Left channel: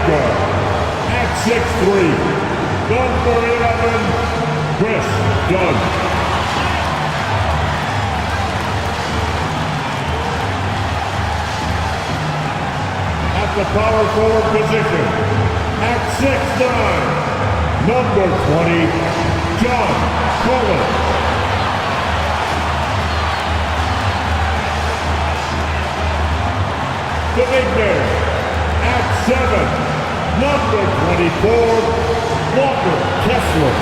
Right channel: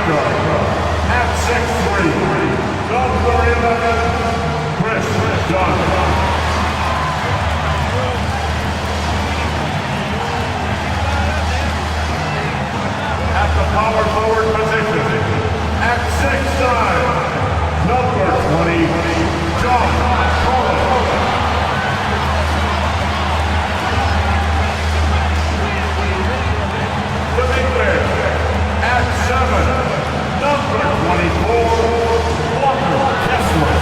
point guard. At 6'3", number 11, Chris Dunn. At the power forward position, at 6'9", number 20, John Collins. The big man, at 7, number 24, Walker Kessler.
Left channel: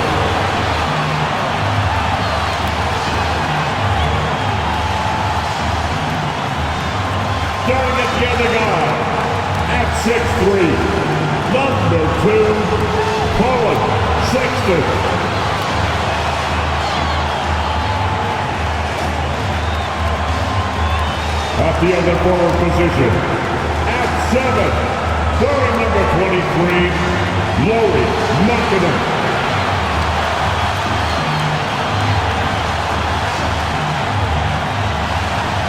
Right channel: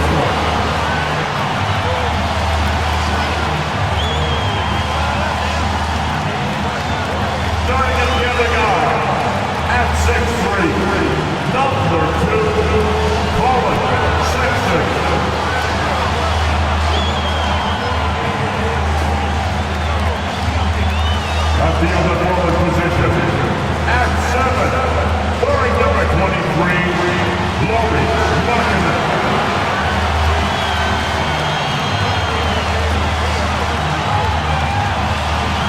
Starting at the other guy, at 6'3", number 2, Colin Sexton. At the other forward position, at 7, wearing number 23, Lauri Markkanen.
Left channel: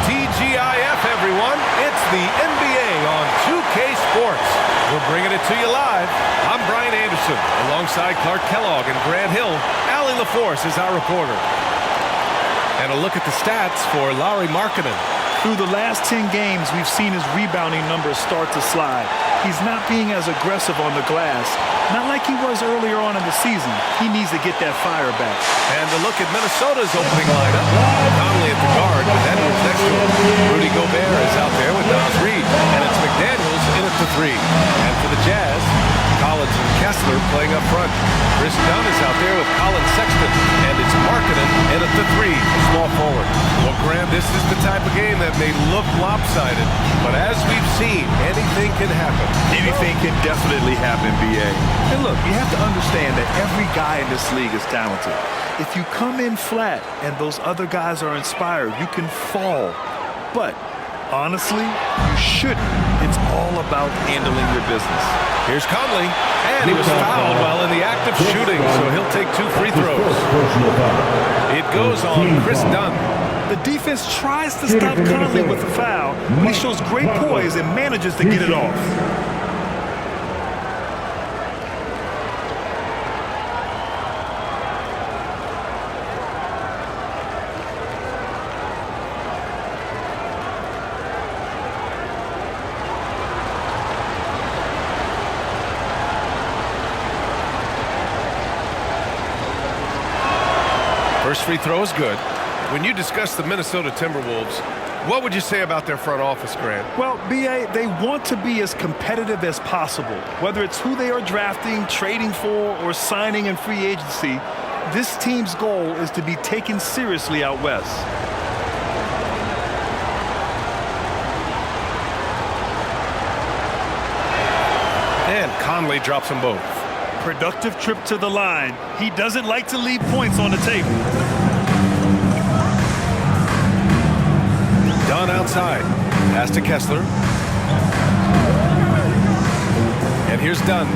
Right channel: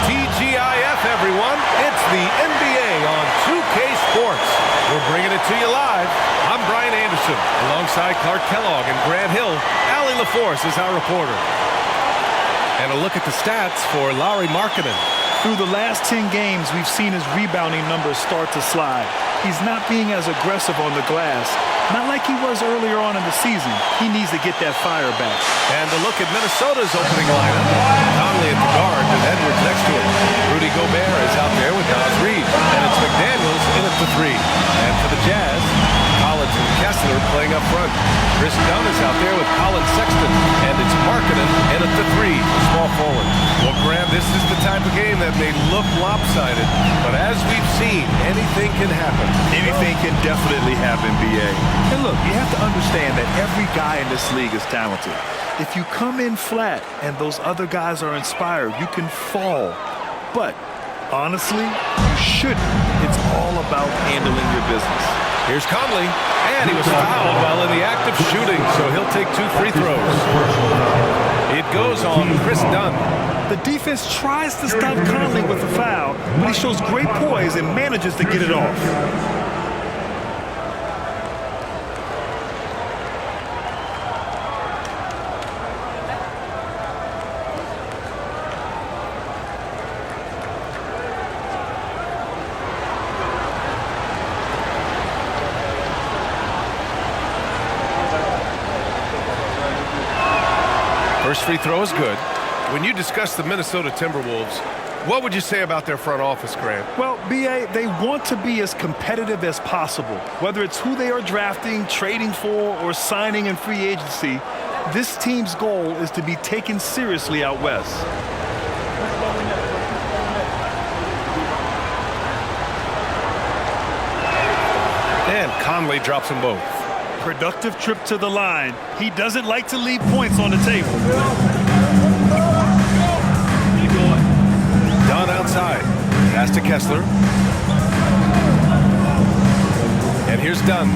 TGIF, everyone. It's the NBA on 2K Sports. We're bringing it to you live. I'm Brian Anderson, alongside Clark Kellogg and Grant Hill. Allie LaForce is our reporter. And a look at the stats for Lauri Markkanen. Through the last 10 games, we've seen his rebounding numbers start to slide. He's not being as aggressive on the glass, not like he was earlier on in the season. He needs to get that fire back. And a look at Minnesota's opening lineup. Conley at the guard with Edwards next to him. Rudy Gobert is out there with Naz Reid. And it's McDaniels in at the 3. And for the Jazz, Collins and Kessler playing up front. Chris Dunn is out there with Colin Sexton, and it's Markkanen in at the 3, small forward. Well, Graham, this is the type of game that may look lopsided, but as we've seen, anything can happen. Anything can definitely happen, B.A. And look, you have to understand that every guy in this league is talented. If you come in flat and those other guys are inspired, you can fall. But honestly, you shouldn't. It's all about handling your business. Here's Conley, and he was fouled while in the act of shooting, so he'll take 2 free throws. It goes on Chris Dunn. The defense tries to stop Conley with a foul, but he shows great poise and manages to get it off. First free throw is good. When you discuss the Minnesota Timberwolves, what would you say about their front office, Grant? Well, B.A., they want to be as competitive as possible. Whether it's who they are drafting, trading for, or signing in free agency, this team's goal is to be taken seriously out west. And Conley drops them both. Productive trip to the line. He doesn't like to leave points on the table. Dunn outside. Pass to Kessler. And here's Dunn.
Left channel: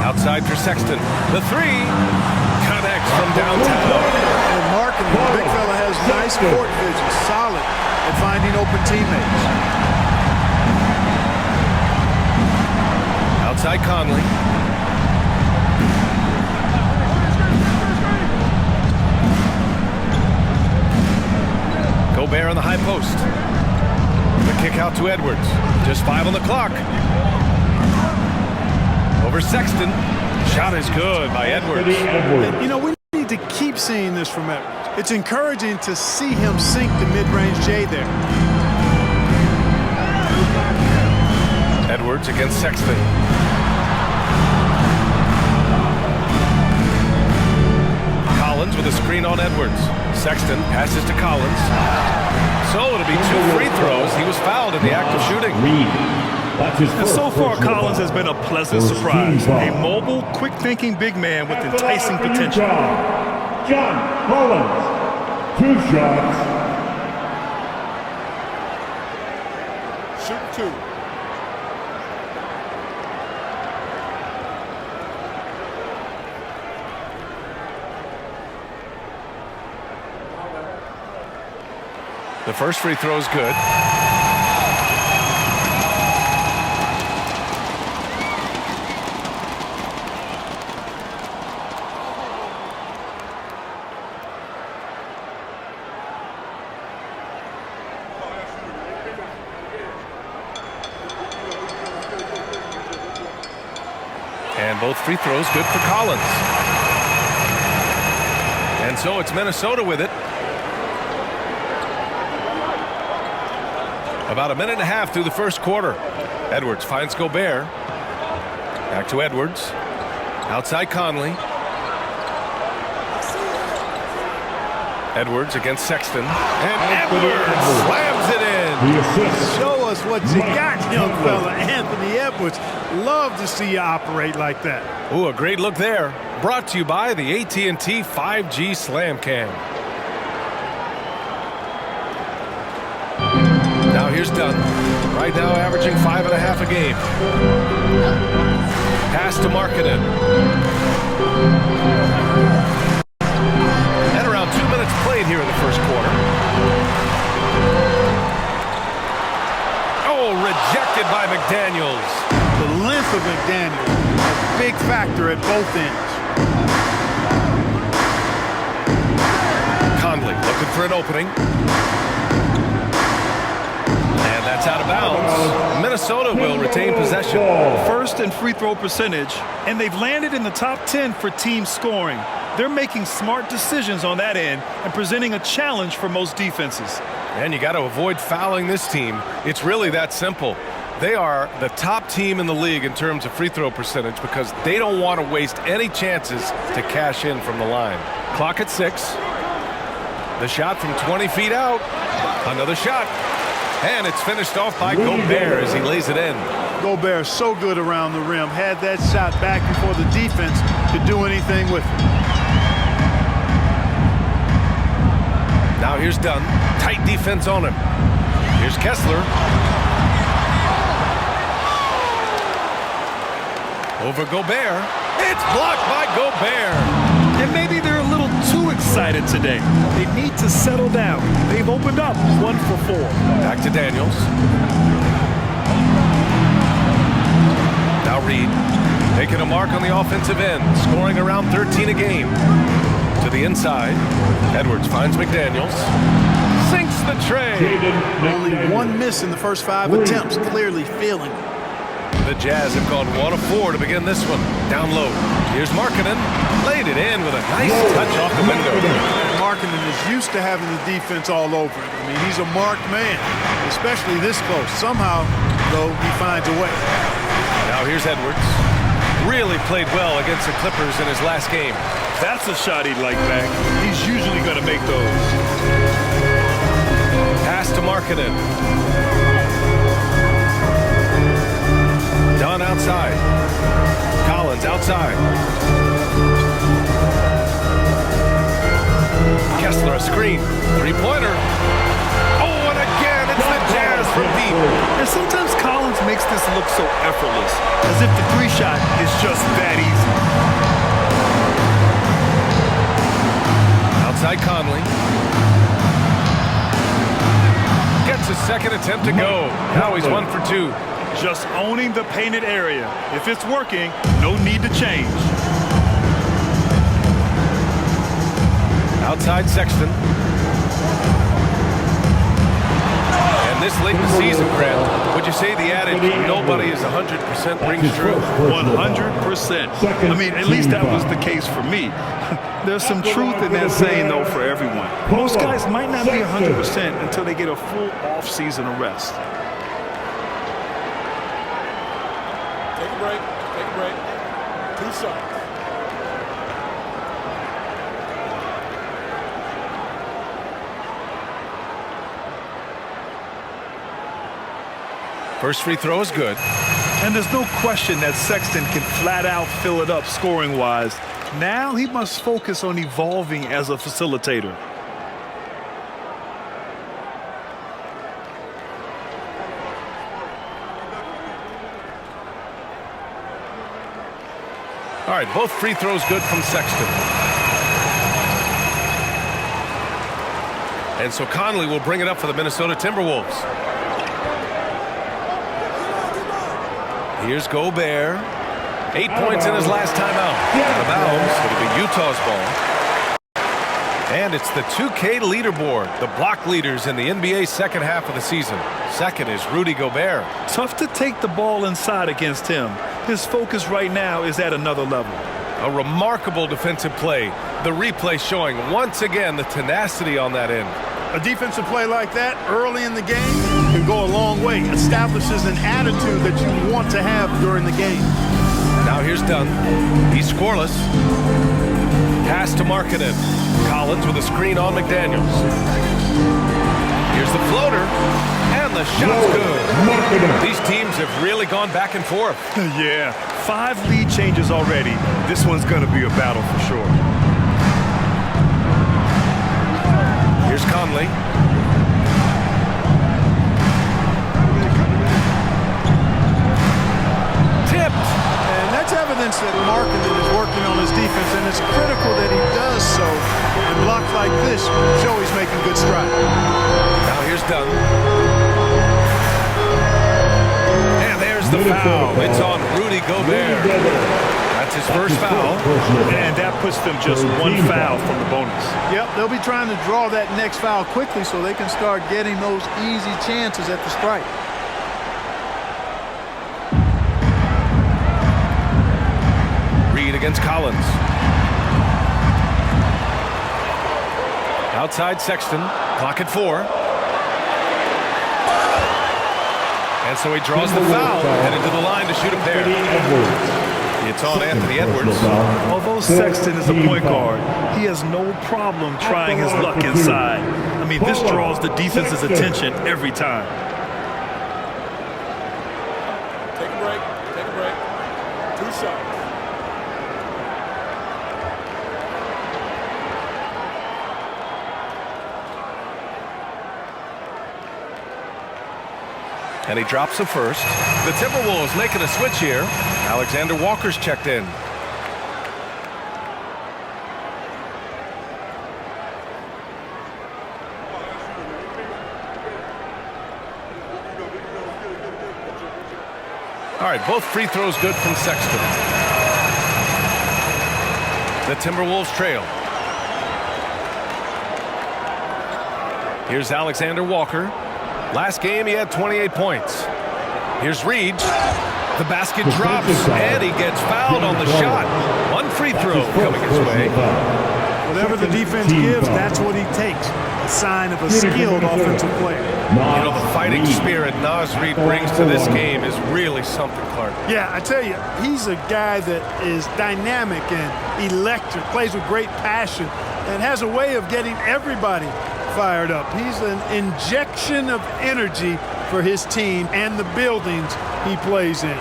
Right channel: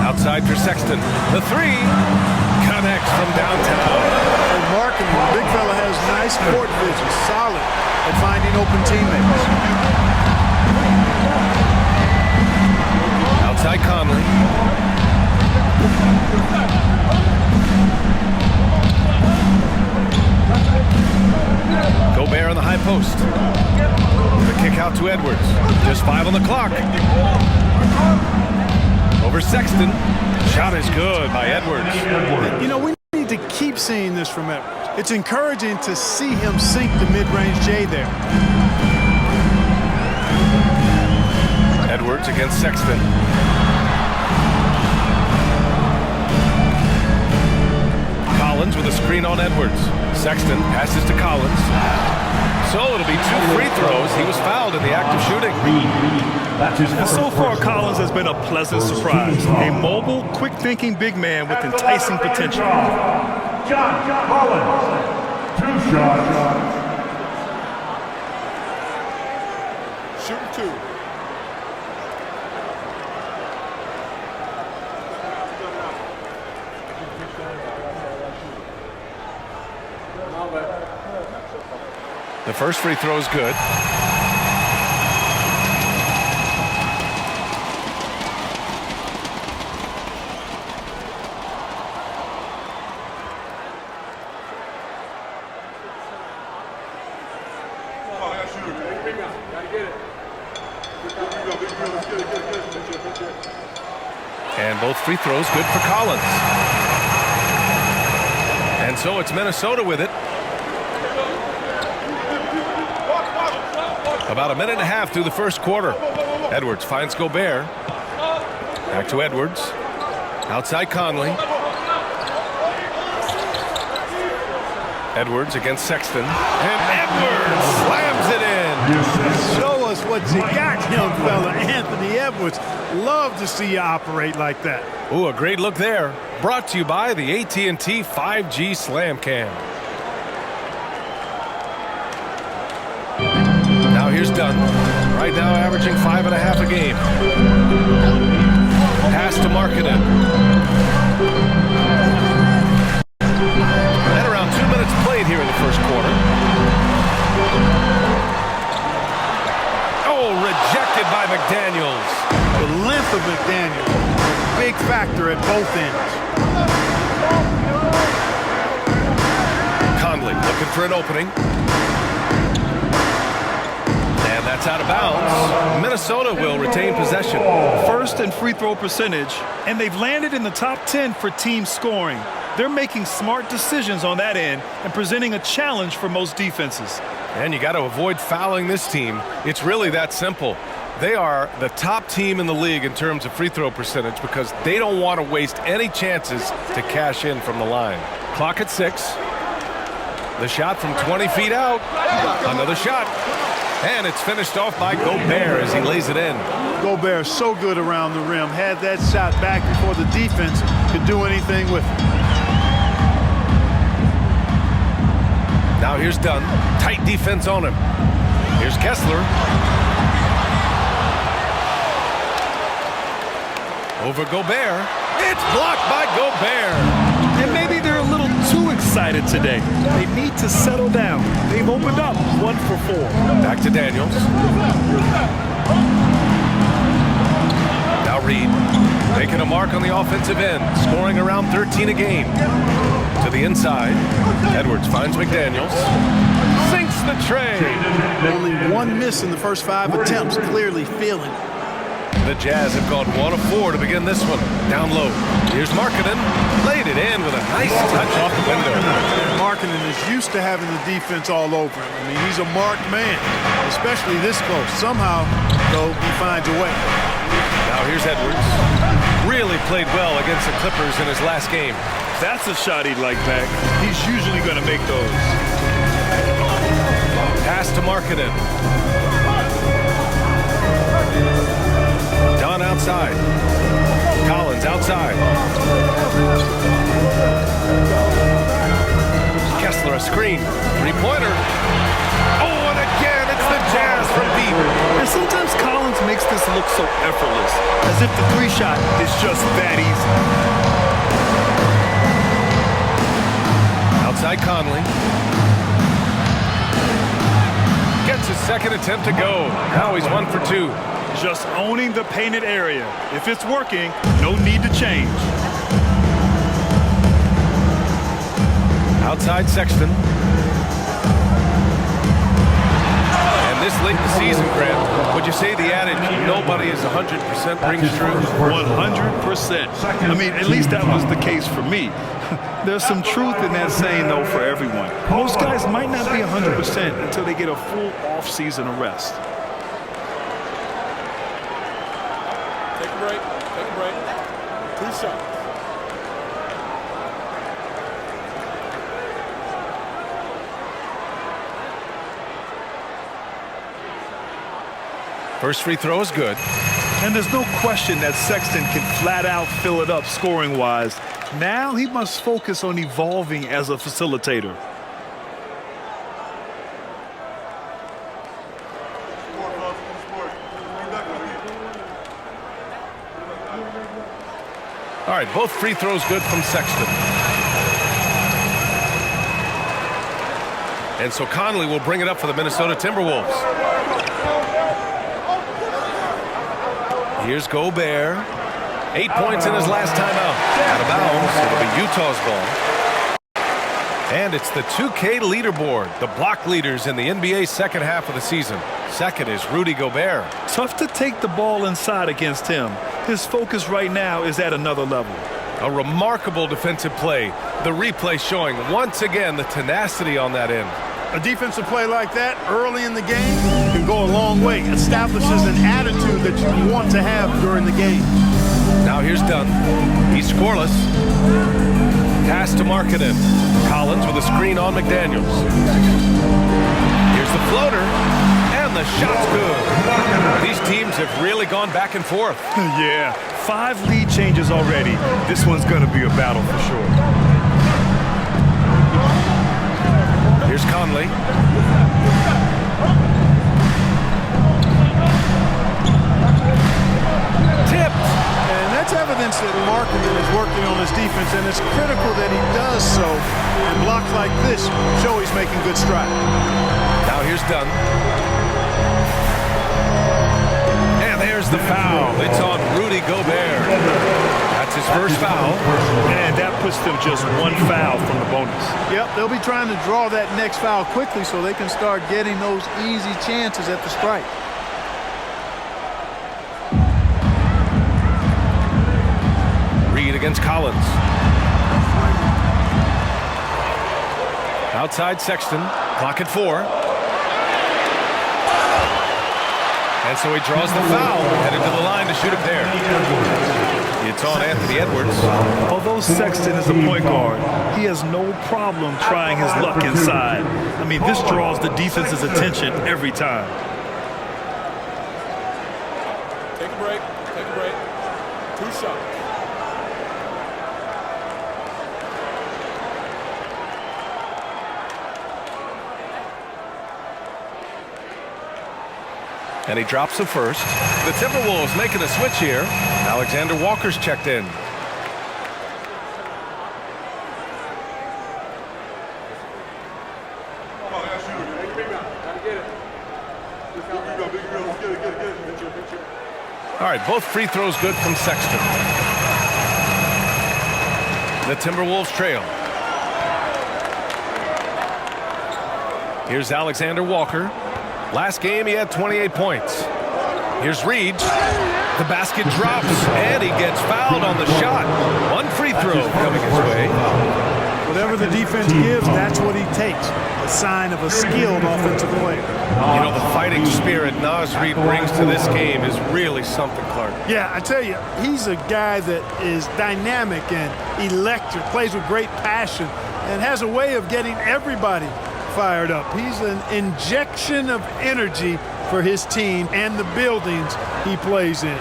Outside for Sexton. The 3 connects from downtown. And Markkanen, the big fella, has nice court vision, solid at finding open teammates. Outside Conley. Gobert on the high post. The kick out to Edwards. Just 5 on the clock. Over Sexton. Shot is good by Edwards. You know, we need to keep seeing this from Edwards. It's encouraging to see him sink the mid-range J there. Edwards against Sexton. Collins with a screen on Edwards. Sexton passes to Collins. So it'll be 2 free throws. He was fouled in the act of shooting. And so far, Collins has been a pleasant surprise. A mobile, quick-thinking big man with enticing potential. John Collins, 2 shots. Shooting 2. The first free throw is good. And both free throws good for Collins. And so it's Minnesota with it. About a minute and a half through the first quarter. Edwards finds Gobert. Back to Edwards. Outside Conley. Edwards against Sexton. And Edwards slams it in. The assist. Show us what you got, young fella. Anthony Edwards. Love to see you operate like that. Ooh, a great look there. Brought to you by the AT&T 5G Slam Cam. Now here's Dunn. Right now averaging 5.5 a game. Pass to Markkanen. And around 2 minutes played here in the first quarter. Oh, rejected by McDaniels. The length of McDaniels, a big factor at both ends. Conley looking for an opening. And that's out of bounds. Minnesota will retain possession. First in free throw percentage, and they've landed in the top 10 for team scoring. They're making smart decisions on that end and presenting a challenge for most defenses. And you got to avoid fouling this team. It's really that simple. They are the top team in the league in terms of free throw percentage because they don't want to waste any chances to cash in from the line. Clock at 6. The shot from 20 feet out. Another shot. And it's finished off by Gobert as he lays it in. Gobert so good around the rim. Had that shot back before the defense could do anything with it. Now here's Dunn. Tight defense on him. Here's Kessler. Over Gobert. It's blocked by Gobert. And maybe they're a little too excited today. They need to settle down. They've opened up 1 for 4. Back to Daniels. Now Reed making a mark on the offensive end, scoring around 13 a game. To the inside. Edwards finds McDaniels. Sinks the tray. Only 1 miss in the first 5 attempts, clearly feeling it. The Jazz have gone 1 of 4 to begin this one. Down low. Here's Markkanen. Laid it in with a nice touch off the window. Markkanen is used to having the defense all over him. I mean, he's a marked man, especially this close. Somehow, though, he finds a way. Now here's Edwards. Really played well against the Clippers in his last game. That's a shot he'd like back. He's usually going to make those. Pass to Markkanen. Dunn outside. Collins outside. Kessler a screen. Three-pointer. Oh, and again, it's the Jazz from deep. And sometimes Collins makes this look so effortless, as if the 3-shot is just that easy. Outside Conley. Gets his second attempt to go. Now he's 1 for 2. Just owning the painted area. If it's working, no need to change. Outside Sexton. And this late in the season, Grant, would you say the adage, nobody is 100% rings true? 100%. I mean, at least that was the case for me. There's some truth in that saying, though, for everyone. Most guys might not be 100% until they get a full off-season of rest. Take a break. Take a break. 2 shots. First free throw is good. And there's no question that Sexton can flat out fill it up scoring-wise. Now he must focus on evolving as a facilitator. All right, both free throws good from Sexton. And so Conley will bring it up for the Minnesota Timberwolves. Here's Gobert. 8 points in his last time out. Out of bounds. It'll be Utah's ball. And it's the 2K leaderboard, the block leaders in the NBA second half of the season. Second is Rudy Gobert. Tough to take the ball inside against him. His focus right now is at another level. A remarkable defensive play. The replay showing once again the tenacity on that end. A defensive play like that early in the game can go a long way. Establishes an attitude that you want to have during the game. Now here's Dunn. He's scoreless. Pass to Markkanen. Collins with a screen on McDaniels. Here's the floater. And the shot's good. These teams have really gone back and forth. Yeah, 5 lead changes already. This one's going to be a battle for sure. Here's Conley. Tipped. And that's evidence that Markkanen is working on his defense, and it's critical that he does so. And blocks like this show he's making good strides. Now here's Dunn. And there's the foul. It's on Rudy Gobert. That's his first foul. And that puts them just 1 foul from the bonus. Yep, they'll be trying to draw that next foul quickly so they can start getting those easy chances at the strike. Reed against Collins. Outside Sexton. Clock at 4. And so he draws the foul, headed to the line to shoot a pair. It's on Anthony Edwards. Although Sexton is a point guard, he has no problem trying his luck inside. I mean, this draws the defense's attention every time. Take a break. Take a break. 2 shots. And he drops the first. The Timberwolves making a switch here. Alexander Walker's checked in. All right, both free throws good from Sexton. The Timberwolves trail. Here's Alexander Walker. Last game, he had 28 points. Here's Reed. The basket drops, and he gets fouled on the shot. 1 free throw coming his way. Whatever the defense gives, that's what he takes. A sign of a skilled offensive player. You know, the fighting spirit Naz Reid brings to this game is really something, Clark. Yeah, I tell you, he's a guy that is dynamic and electric, plays with great passion, and has a way of getting everybody fired up. He's an injection of energy for his team and the buildings he plays in.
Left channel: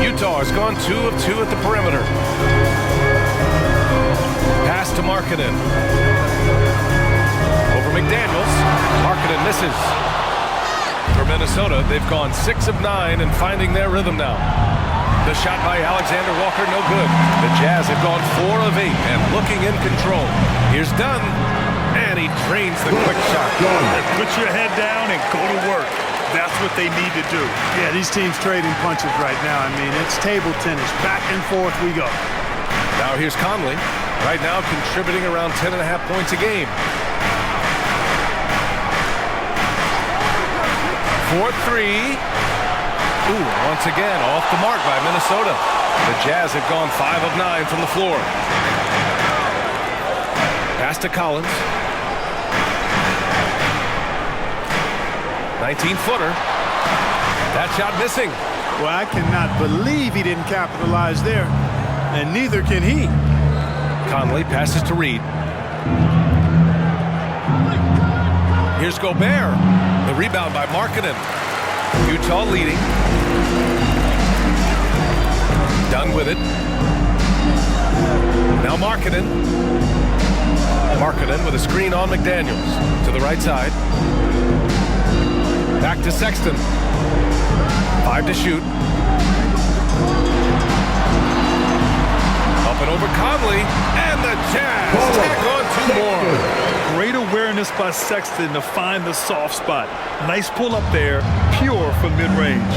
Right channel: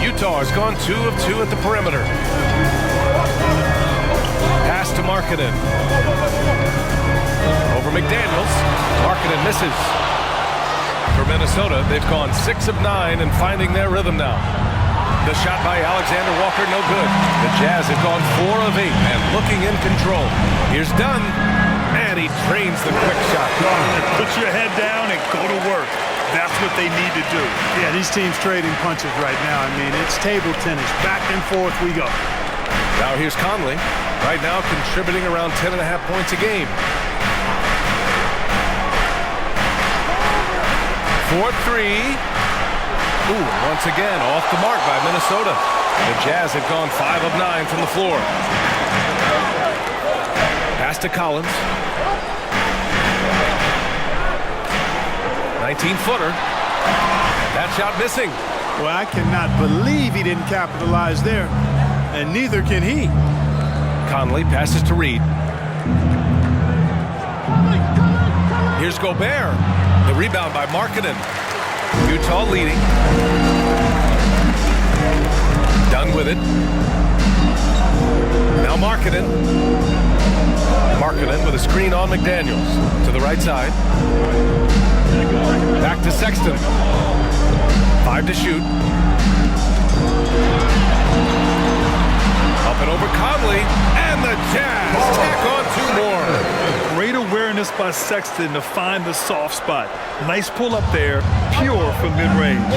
Utah has gone 2 of 2 at the perimeter. Pass to Markkanen. Over McDaniels. Markkanen misses. For Minnesota, they've gone 6 of 9 and finding their rhythm now. The shot by Alexander Walker, no good. The Jazz have gone 4 of 8 and looking in control. Here's Dunn, and he drains the quick shot. Put your head down and go to work. That's what they need to do. Yeah, these teams trading punches right now. I mean, it's table tennis. Back and forth we go. Now here's Conley. Right now contributing around 10.5 points a game. 4-3. Ooh, once again off the mark by Minnesota. The Jazz have gone 5 of 9 from the floor. Pass to Collins. 19-footer. That shot missing. Well, I cannot believe he didn't capitalize there, and neither can he. Conley passes to Reed. Here's Gobert. The rebound by Markkanen. Utah leading. Done with it. Now Markkanen. Markkanen with a screen on McDaniels. To the right side. Back to Sexton. 5 to shoot. Up and over Conley, and the Jazz tack on 2 more. Great awareness by Sexton to find the soft spot. Nice pull up there, pure from mid-range.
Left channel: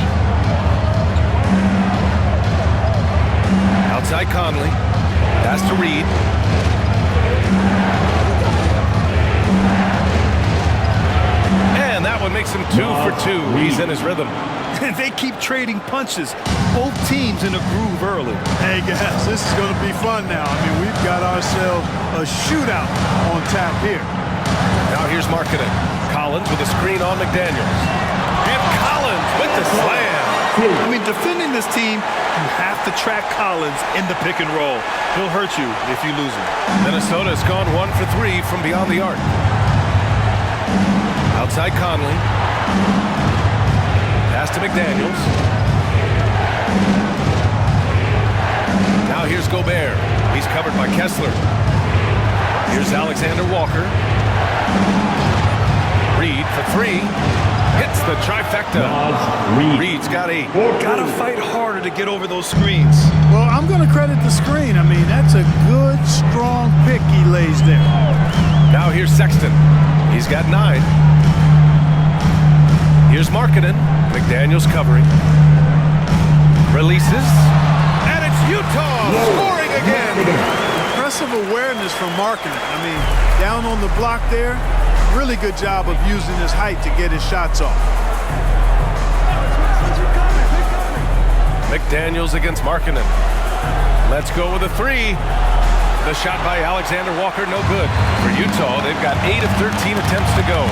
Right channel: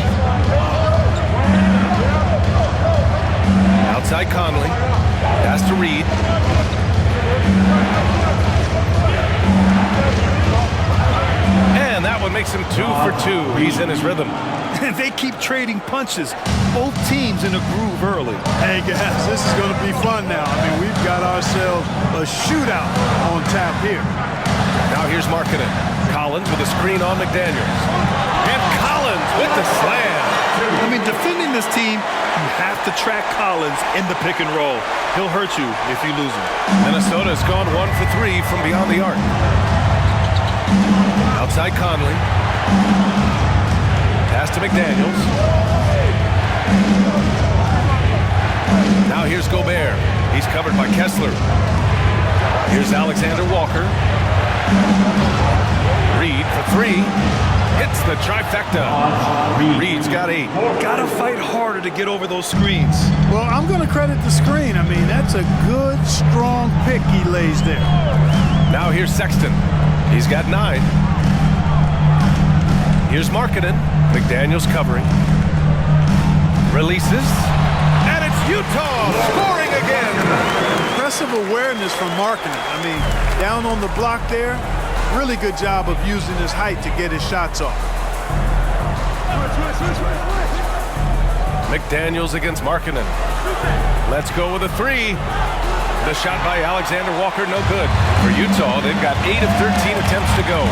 Outside Conley, pass to Reed. And that one makes him 2 for 2. He's in his rhythm. And they keep trading punches. Both teams in a groove early. Hey, guys, this is going to be fun now. I mean, we've got ourselves a shootout on tap here. Now here's Markkanen. Collins with a screen on McDaniels. And Collins with the slam. I mean, defending this team, you have to track Collins in the pick and roll. He'll hurt you if you lose him. Minnesota has gone 1 for 3 from beyond the arc. Outside Conley. Pass to McDaniels. Now here's Gobert. He's covered by Kessler. Here's Alexander Walker. Reed for 3. Hits the trifecta. Reed's got 8. Gotta fight harder to get over those screens. Well, I'm going to credit the screen. I mean, that's a good, strong pick he lays there. Now here's Sexton. He's got 9. Here's Markkanen. McDaniels covering. Releases. And it's Utah scoring again. Impressive awareness from Markkanen. I mean, down on the block there, really good job of using his height to get his shots off. McDaniels against Markkanen. Let's go with a 3. The shot by Alexander Walker, no good. For Utah, they've got 8 of 13 attempts to go.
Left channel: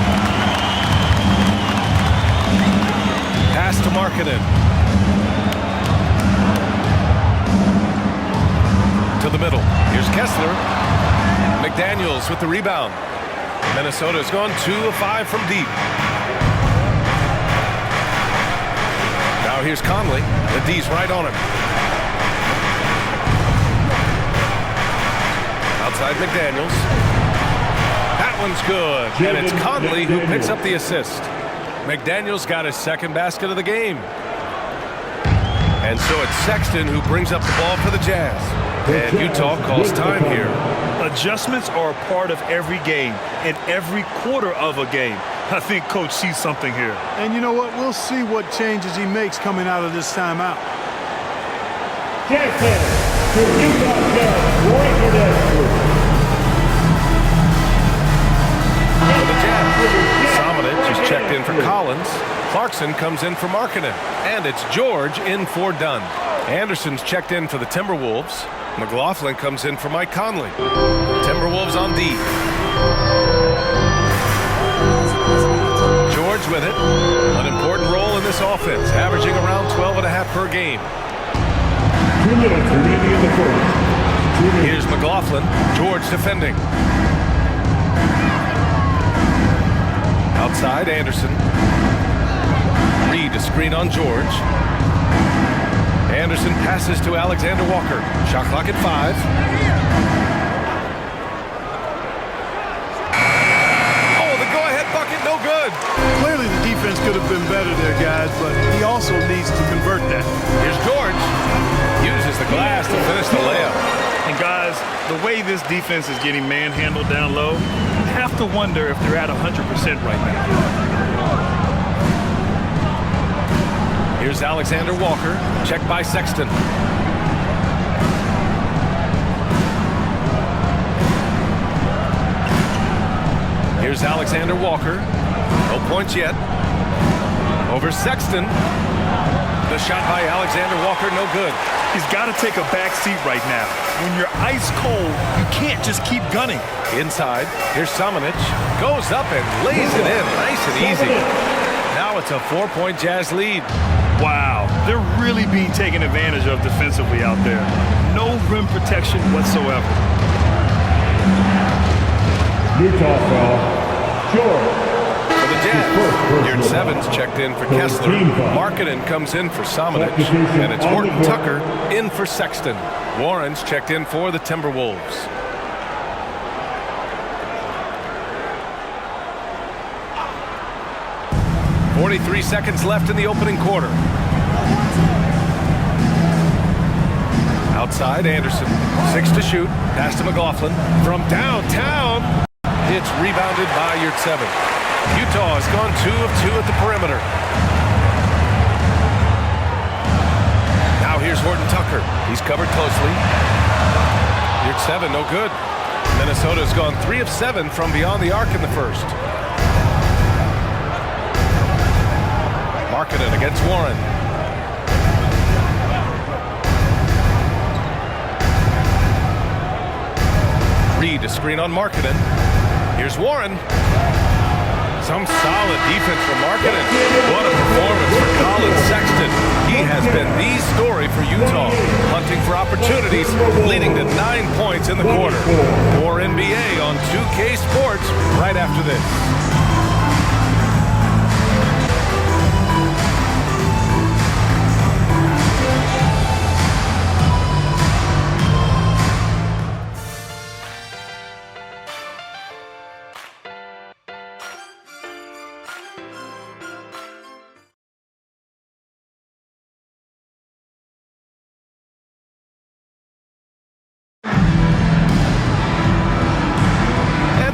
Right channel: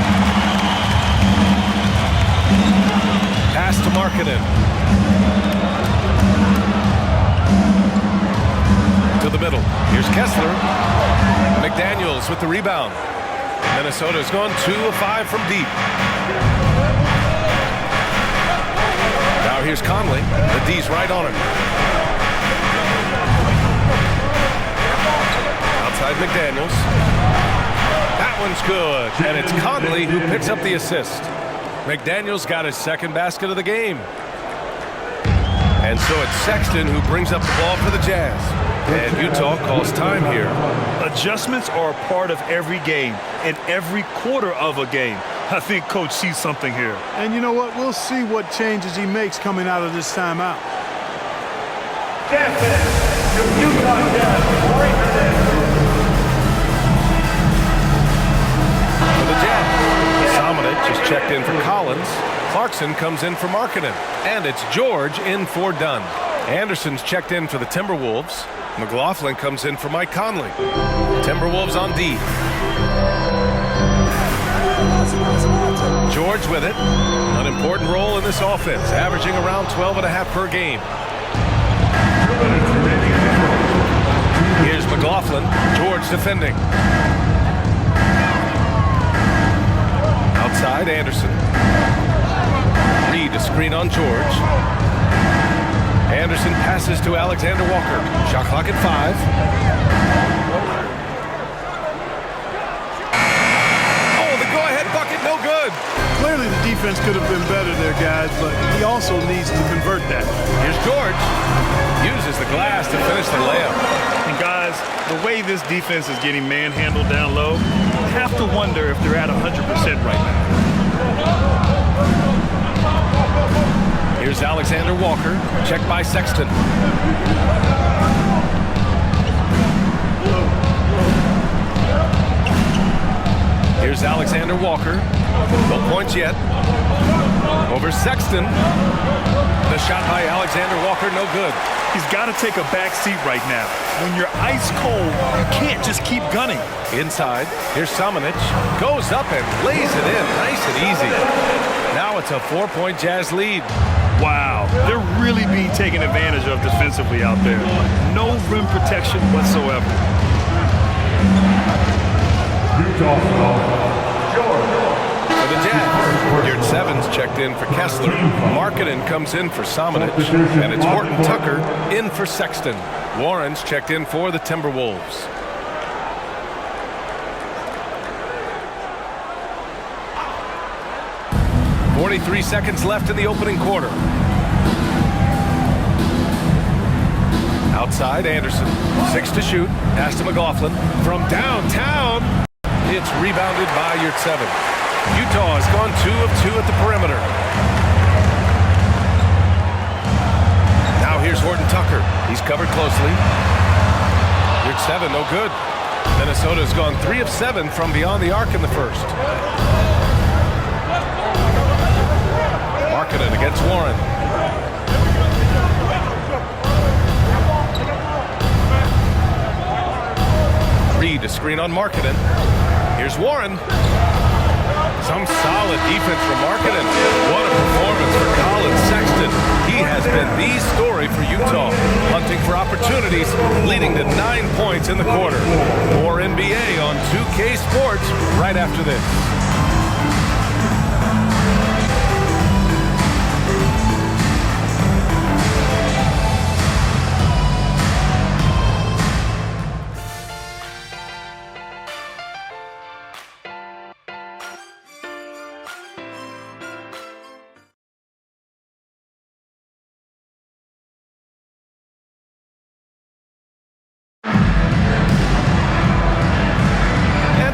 Pass to Markkanen. To the middle. Here's Kessler. McDaniels with the rebound. Minnesota's gone 2 of 5 from deep. Now here's Conley. The D's right on him. Outside McDaniels. That one's good. And it's Conley who picks up the assist. McDaniels got his 2nd basket of the game. And so it's Sexton who brings up the ball for the Jazz. And Utah calls time here. Adjustments are a part of every game and every quarter of a game. I think Coach sees something here. And you know what? We'll see what changes he makes coming out of this timeout. Jazz to Utah Jazz breaker that. For the Jazz, Samanic is checked in for Collins. Clarkson comes in for Markkanen. And it's George in for Dunn. Anderson's checked in for the Timberwolves. McLaughlin comes in for Mike Conley. Timberwolves on D. George with it. An important role in this offense, averaging around 12.5 per game. 2 minutes remaining in the first. Here's McLaughlin. George defending. Outside, Anderson. Reed to screen on George. Anderson passes to Alexander Walker. Shot clock at 5. Oh, the go-ahead bucket, no good. Clearly the defense could have been better there, guys, but he also needs to convert that. Here's George. Uses the glass to finish the layup. And guys, the way this defense is getting manhandled down low, you have to wonder if they're at 100% right now. Here's Alexander Walker, checked by Sexton. Here's Alexander Walker. No points yet. Over Sexton. The shot by Alexander Walker, no good. He's got to take a back seat right now. When you're ice cold, you can't just keep gunning. Inside, here's Samanic. Goes up and lays it in, nice and easy. Now it's a 4-point Jazz lead. Wow, they're really being taken advantage of defensively out there. No rim protection whatsoever. Utah foul. George. For the Jazz, Geared Sevens checked in for Kessler. Markkanen comes in for Samanic. And it's Horton Tucker in for Sexton. Warren's checked in for the Timberwolves. .43 seconds left in the opening quarter. Outside, Anderson. 6 to shoot. Pass to McLaughlin. From downtown, it's rebounded by Yurtseven. Utah has gone 2 of 2 at the perimeter. Now here's Horton Tucker. He's covered closely. Yurtseven, no good. Minnesota has gone 3 of 7 from beyond the arc in the first. Markkanen against Warren. Reed to screen on Markkanen. Here's Warren. Some solid defense from Markkanen. What a performance for Colin Sexton. He has been the story for Utah, hunting for opportunities, leading to 9 points in the quarter. More NBA on 2K Sports right after this.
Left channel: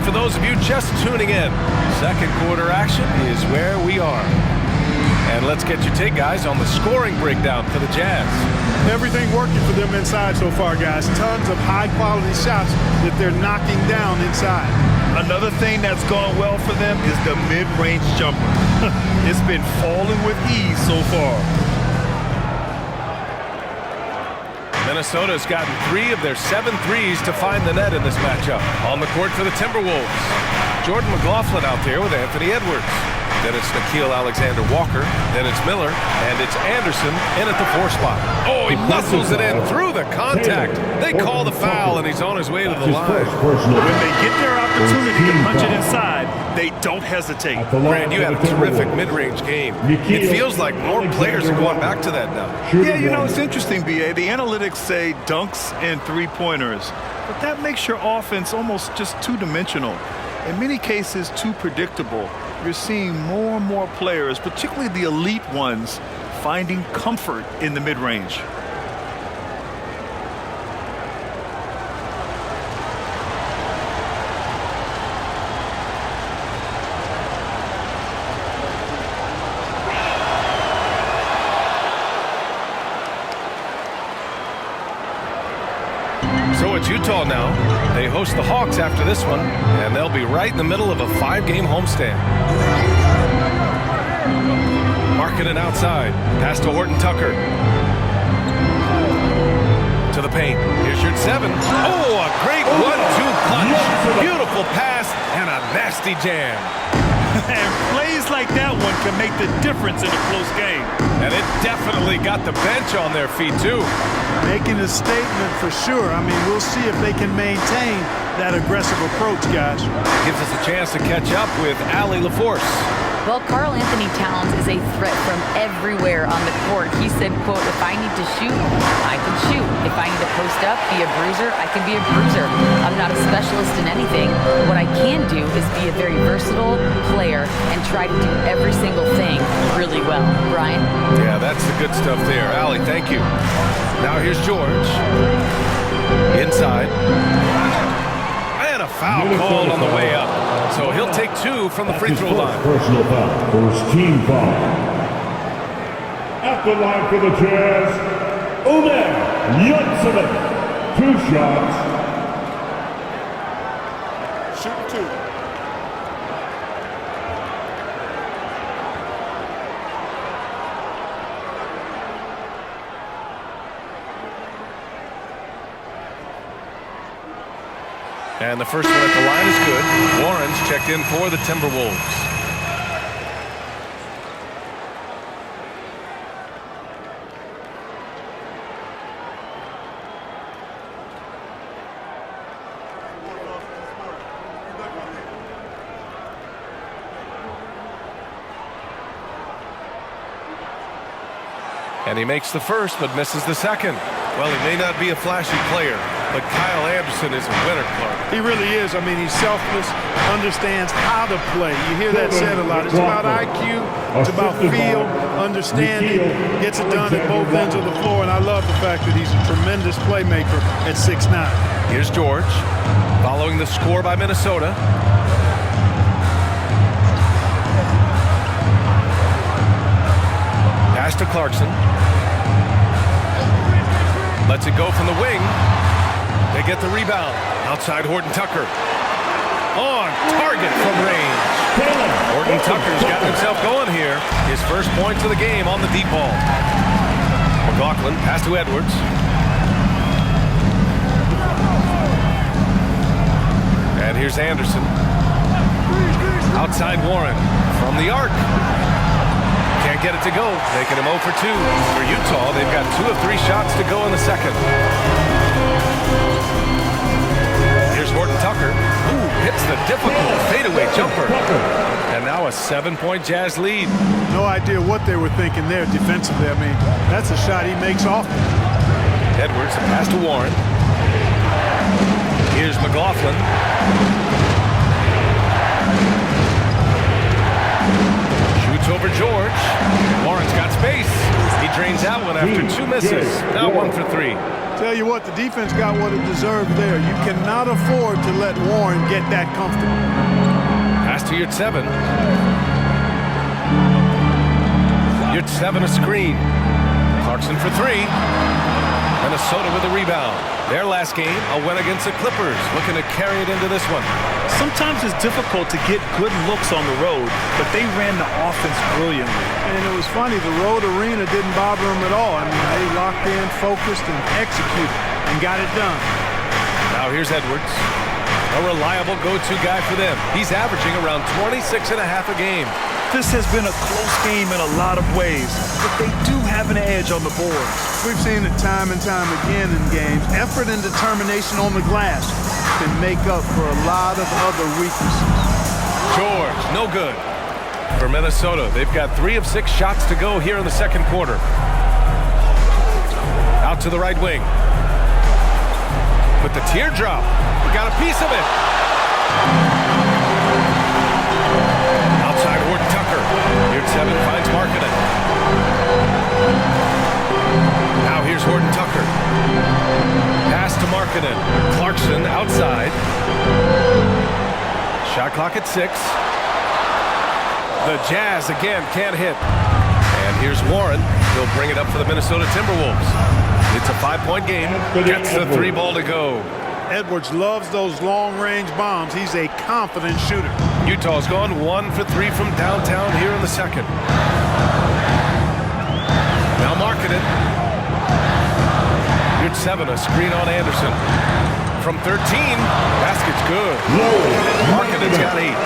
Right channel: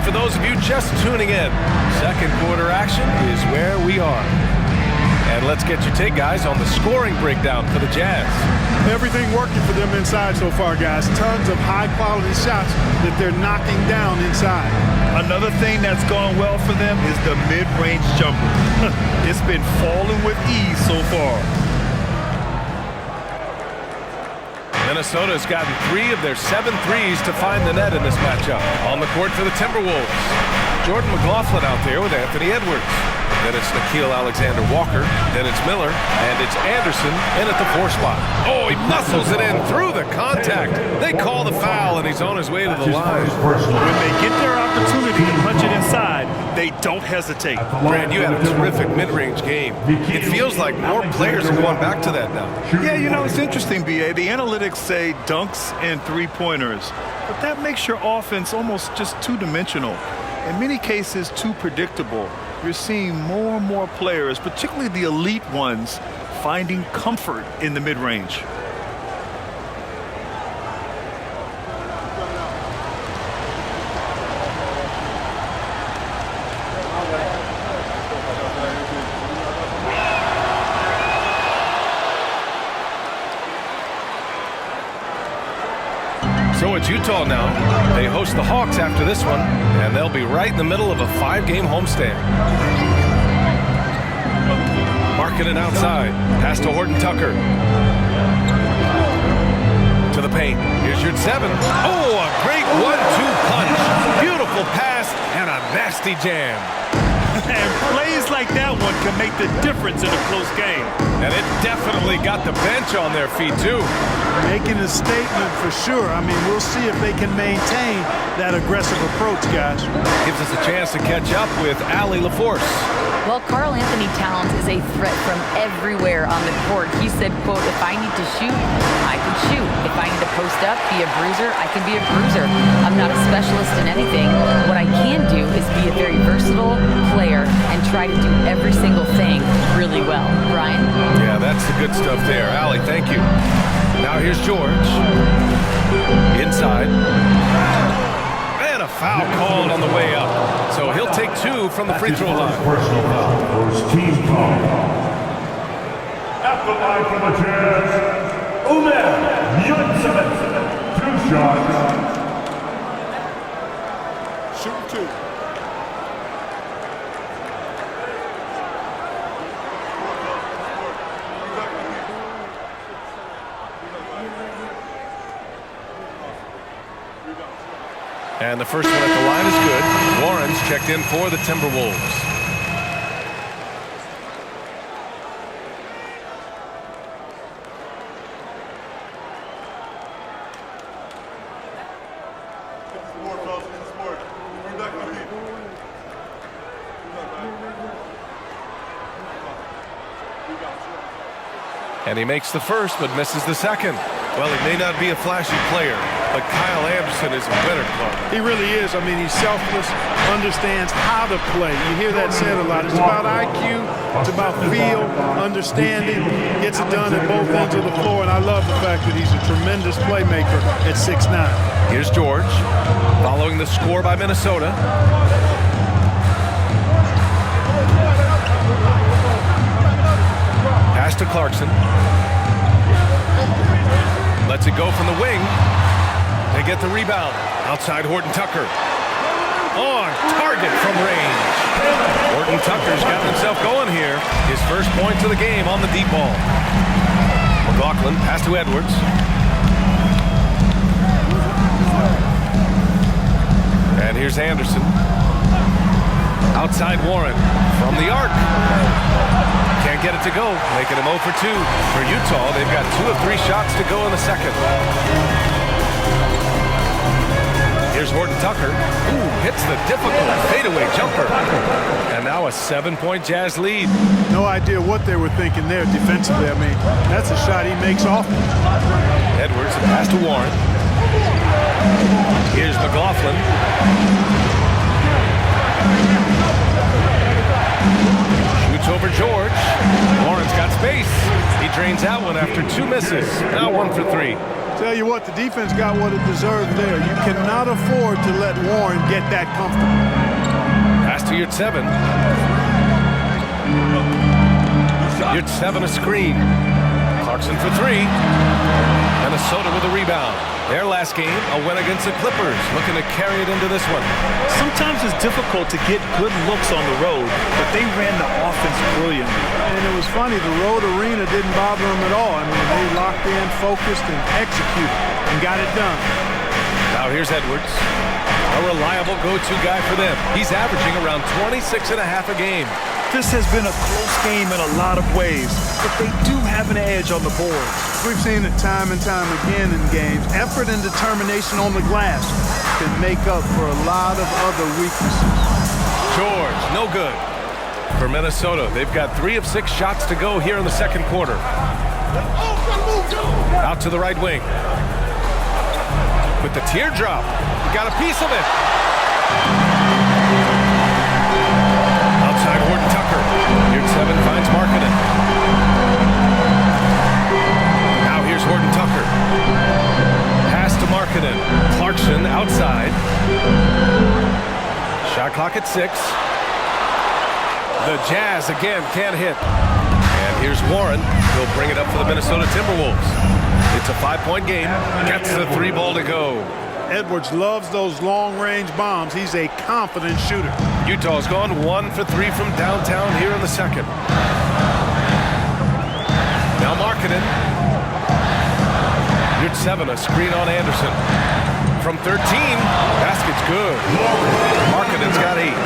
For those of you just tuning in, second quarter action is where we are. And let's get your take, guys, on the scoring breakdown for the Jazz. Everything working for them inside so far, guys. Tons of high-quality shots that they're knocking down inside. Another thing that's gone well for them is the mid-range jumper. It's been falling with ease so far. Minnesota has gotten 3 of their 7 threes to find the net in this matchup. On the court for the Timberwolves, Jordan McLaughlin out there with Anthony Edwards. Then it's Nickeil Alexander-Walker. Then it's Miller. And it's Anderson in at the 4 spot. Oh, he muscles it in through the contact. They call the foul, and he's on his way to the line. When they get their opportunity to punch it inside, they don't hesitate. Brad, you had a terrific mid-range game. It feels like more players are going back to that now. Yeah, you know, it's interesting, B.A. The analytics say dunks and three-pointers, but that makes your offense almost just two-dimensional. In many cases, too predictable. You're seeing more and more players, particularly the elite ones, finding comfort in the mid-range. So it's Utah now. They host the Hawks after this one, and they'll be right in the middle of a 5-game homestand. Markkanen outside. Pass to Horton Tucker. To the paint. Here's Yurtseven. Oh, a great 1-2 punch. Beautiful pass and a nasty jam. And plays like that one can make the difference in a close game. And it definitely got the bench on their feet, too. Making a statement for sure. I mean, we'll see if they can maintain that aggressive approach, guys. Gives us a chance to catch up with Allie LaForce. Well, Karl Anthony Towns is a threat from everywhere on the court. He said, quote, if I need to shoot, I can shoot. If I need to post up, be a bruiser, I can be a bruiser. I'm not a specialist in anything. What I can do is be a very versatile player and try to do every single thing really well. Brian? Yeah, that's the good stuff there. Allie, thank you. Now here's George. Inside. And a foul called on the way up. So he'll take 2 from the free throw line. Personal foul. First team foul. At the line for the Jazz, Omer Yurtseven. 2 shots. Shooting 2. And the first one at the line is good. Warren's checked in for the Timberwolves. And he makes the first, but misses the second. Well, he may not be a flashy player, But Kyle Anderson is a winner, Clark. He really is. I mean, he's selfless, understands how to play. You hear that said a lot. It's about IQ, it's about feel, understanding, gets it done at both ends of the floor, and I love the fact that he's a tremendous playmaker at 6'9". Here's George, following the score by Minnesota. Pass to Clarkson. Lets it go from the wing. They get the rebound. Outside Horton Tucker. On target from range. Horton Tucker's gotten himself going here. His first points of the game on the deep ball. McLaughlin, pass to Edwards. And here's Anderson. Outside Warren from the arc. Can't get it to go, making him 0 for 2. For Utah, they've got 2 of 3 shots to go in the second. Here's Horton Tucker. Ooh, hits the difficult fadeaway jumper. And now a 7-point Jazz lead. No idea what they were thinking there defensively. I mean, that's a shot he makes often. Edwards, a pass to Warren. Here's McLaughlin. Shoots over George. Warren's got space. He drains that one after 2 misses. Now 1 for 3. Tell you what, the defense got what it deserved there. You cannot afford to let Warren get that comfortable. Pass to Yurtseven. Yurtseven a screen. Clarkson for 3. Minnesota with a rebound. Their last game, a win against the Clippers. Looking to carry it into this one. Sometimes it's difficult to get good looks on the road, but they ran the offense brilliantly. And it was funny, the road arena didn't bother them at all. I mean, they locked in, focused, and executed, and got it done. Now here's Edwards. A reliable go-to guy for them. He's averaging around 26.5 a game. This has been a close game in a lot of ways, but they do have an edge on the boards. We've seen it time and time again in games. Effort and determination on the glass can make up for a lot of other weaknesses. George, no good. For Minnesota, they've got 3 of 6 shots to go here in the second quarter. Out to the right wing. With the teardrop, he got a piece of it. Outside Horton Tucker. Yurtseven finds Markkanen. Now here's Horton Tucker. Pass to Markkanen. Clarkson outside. Shot clock at 6. The Jazz again can't hit. And here's Warren. He'll bring it up for the Minnesota Timberwolves. It's a 5-point game. Gets the 3 ball to go. Edwards loves those long-range bombs. He's a confident shooter. Utah's gone 1 for 3 from downtown here in the second. Now Markkanen. Yurtseven, a screen on Anderson. From 13, basket's good. Markkanen's got 8.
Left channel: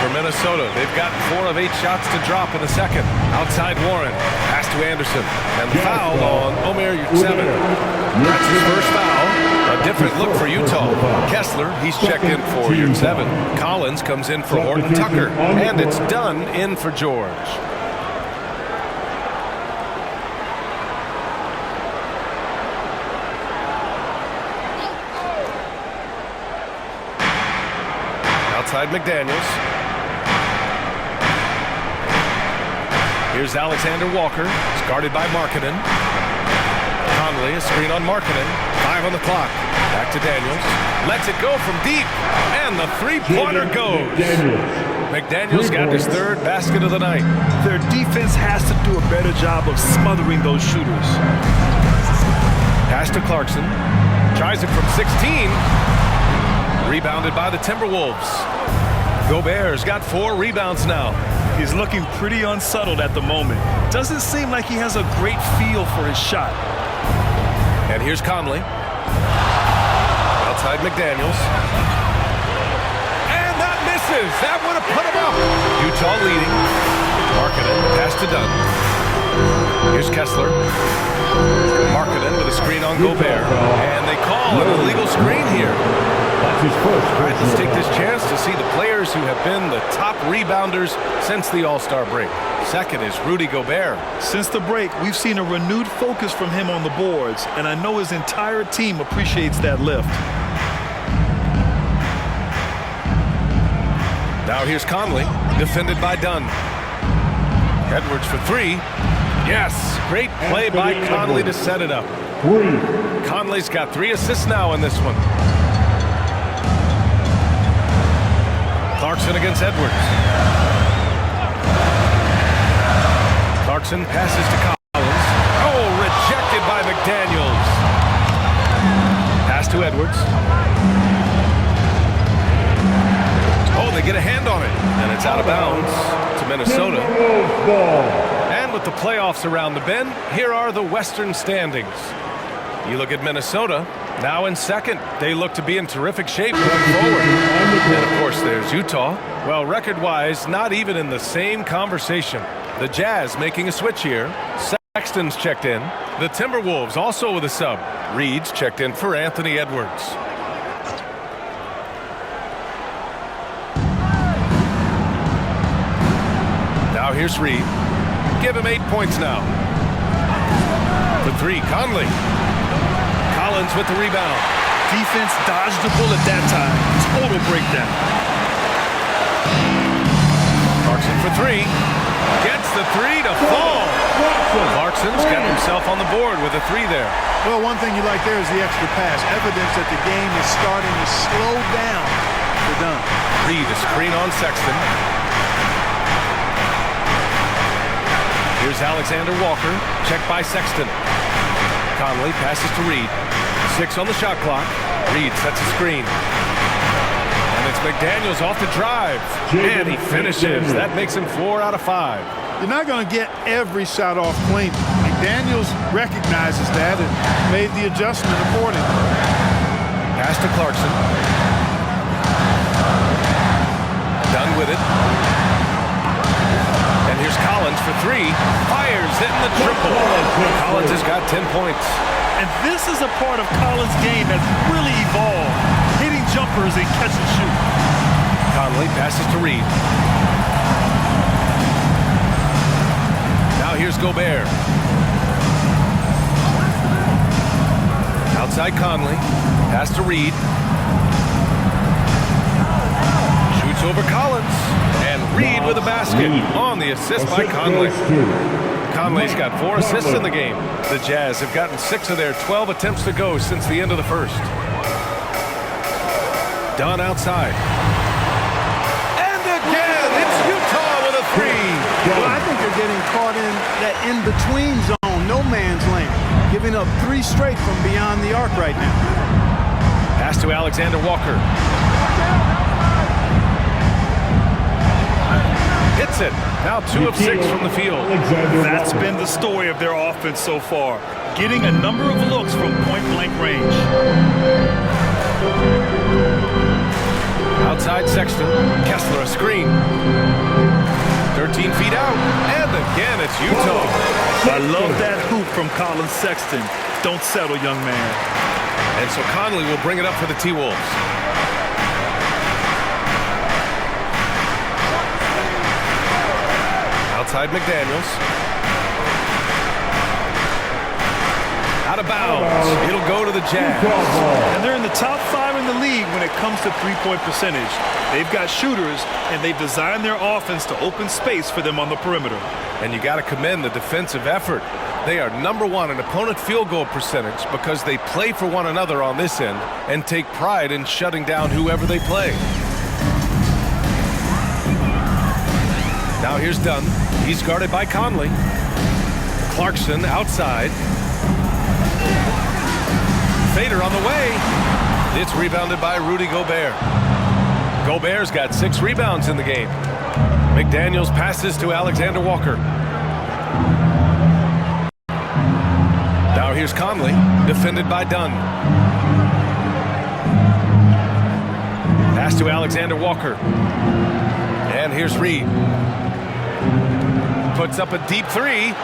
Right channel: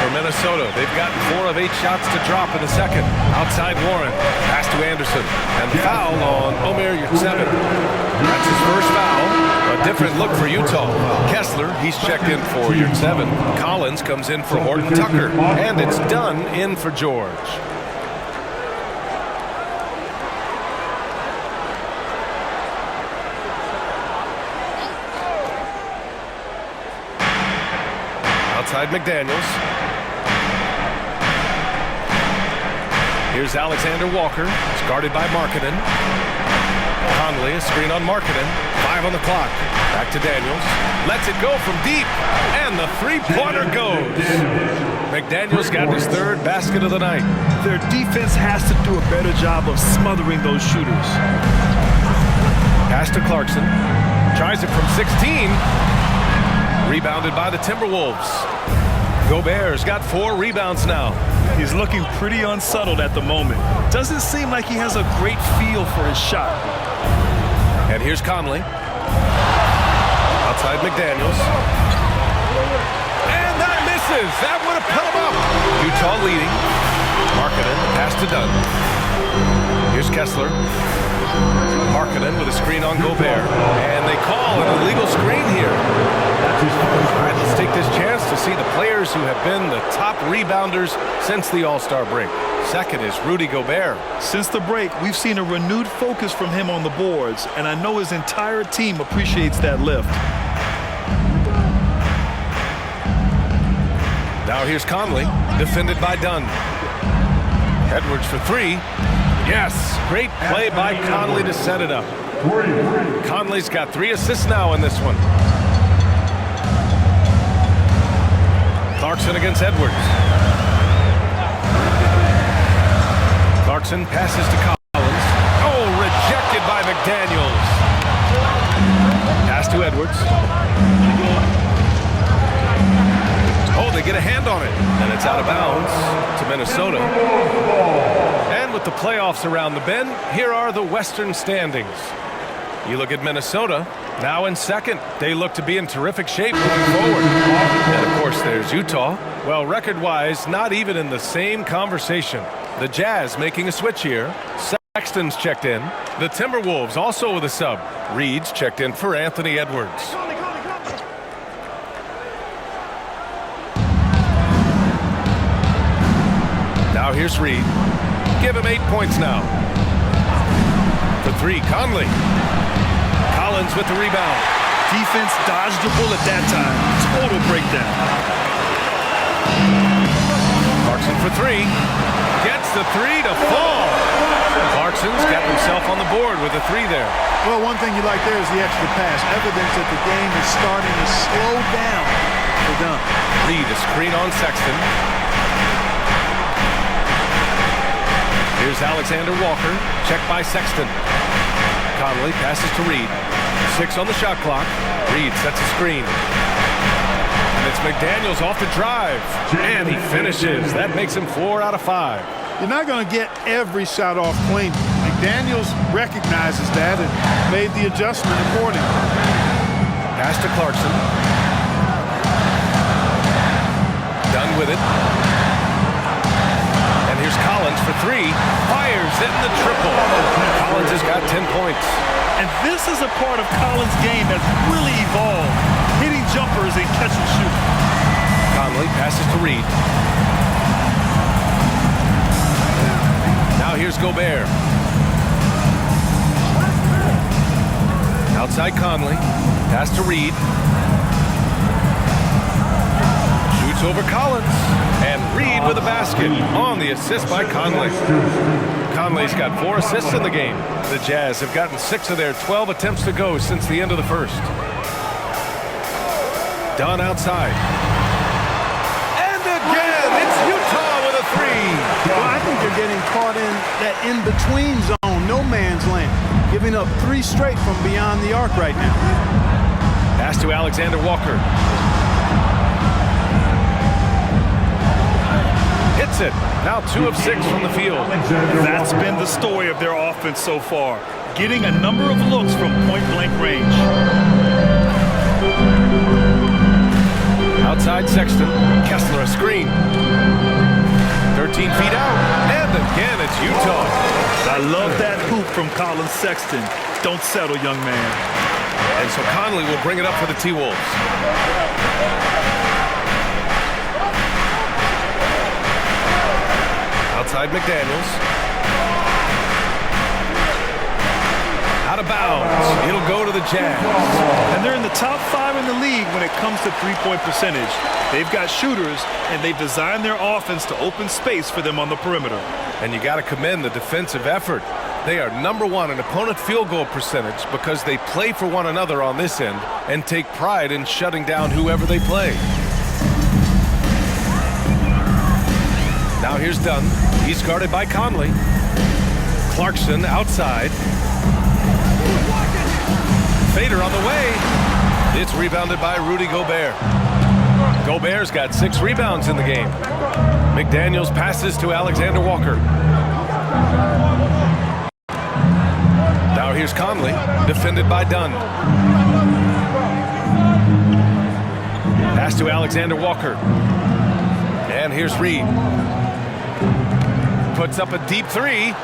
For Minnesota, they've gotten 4 of 8 shots to drop in the second. Outside Warren, pass to Anderson. And the foul on Omer Yurtseven. That's his first foul. A different look for Utah. Kessler, he's checked in for Yurtseven. Collins comes in for Horton Tucker. And it's done in for George. Outside McDaniels. Here's Alexander Walker. It's guarded by Markkanen. Conley, a screen on Markkanen. 5 on the clock. Back to Daniels. Lets it go from deep. And the 3-pointer goes. McDaniels got his 3rd basket of the night. Their defense has to do a better job of smothering those shooters. Pass to Clarkson. Tries it from 16. Rebounded by the Timberwolves. Gobert's got 4 rebounds now. He's looking pretty unsettled at the moment. Doesn't seem like he has a great feel for his shot. And here's Conley. Outside McDaniels. And that misses. That would have put him up. Utah leading. Markkanen, pass to Dunn. Here's Kessler. Markkanen with a screen on Gobert. And they call an illegal screen here. That's his first. All right, let's take this chance to see the players who have been the top rebounders since the All-Star break. Second is Rudy Gobert. Since the break, we've seen a renewed focus from him on the boards, and I know his entire team appreciates that lift. Now here's Conley, defended by Dunn. Edwards for three. Yes, great play by Conley to set it up. Conley's got 3 assists now in this one. Clarkson against Edwards. Clarkson passes to Collins. Oh, rejected by McDaniels. Pass to Edwards. Oh, they get a hand on it. And it's out of bounds to Minnesota. And with the playoffs around the bend, here are the Western standings. You look at Minnesota, now in second. They look to be in terrific shape moving forward. And, of course, there's Utah. Well, record-wise, not even in the same conversation. The Jazz making a switch here. Sexton's checked in. The Timberwolves also with a sub. Reed's checked in for Anthony Edwards. Now here's Reed. Give him 8 points now. For 3, Conley. Collins with the rebound. Defense dodged the bullet that time. Total breakdown. Clarkson for 3. Gets the 3 to fall. Clarkson's got himself on the board with a 3 there. Well, one thing you like there is the extra pass. Evidence that the game is starting to slow down for Dunn. Reed, a screen on Sexton. Here's Alexander Walker, checked by Sexton. Conley passes to Reed. 6 on the shot clock. Reed sets a screen. And it's McDaniels off the drive. And he finishes. That makes him 4 out of 5. You're not going to get every shot off clean. McDaniels recognizes that and made the adjustment accordingly. Pass to Clarkson. Done with it. And here's Collins for 3. Fires it in the triple. Collins has got 10 points. And this is a part of Collins' game that's really evolved. Hitting jumpers and catch and shoot. Conley passes to Reed. Now here's Gobert. Outside Conley. Pass to Reed. Shoots over Collins. And Reed with a basket on the assist by Conley. Conley's got 4 assists in the game. The Jazz have gotten 6 of their 12 attempts to go since the end of the first. Dunn outside. And again, it's Utah with a 3. Well, I think they're getting caught in that in-between zone, no man's land, giving up 3 straight from beyond the arc right now. Pass to Alexander Walker. Hits it. Now 2 of 6 from the field. That's been the story of their offense so far. Getting a number of looks from point-blank range. Outside Sexton. Kessler a screen. 13 feet out. And again, it's Utah. I love that hoop from Colin Sexton. Don't settle, young man. And so Conley will bring it up for the T-Wolves. Outside McDaniels. Out of bounds. It'll go to the Jazz. And they're in the top 5 in the league when it comes to three-point percentage. They've got shooters, and they've designed their offense to open space for them on the perimeter. And you got to commend the defensive effort. They are #1 in opponent field goal percentage because they play for one another on this end and take pride in shutting down whoever they play. Now here's Dunn. He's guarded by Conley. Clarkson outside. Fader on the way. It's rebounded by Rudy Gobert. Gobert's got 6 rebounds in the game. McDaniels passes to Alexander Walker. Now here's Conley, defended by Dunn. Pass to Alexander Walker. And here's Reed. Puts up a deep 3.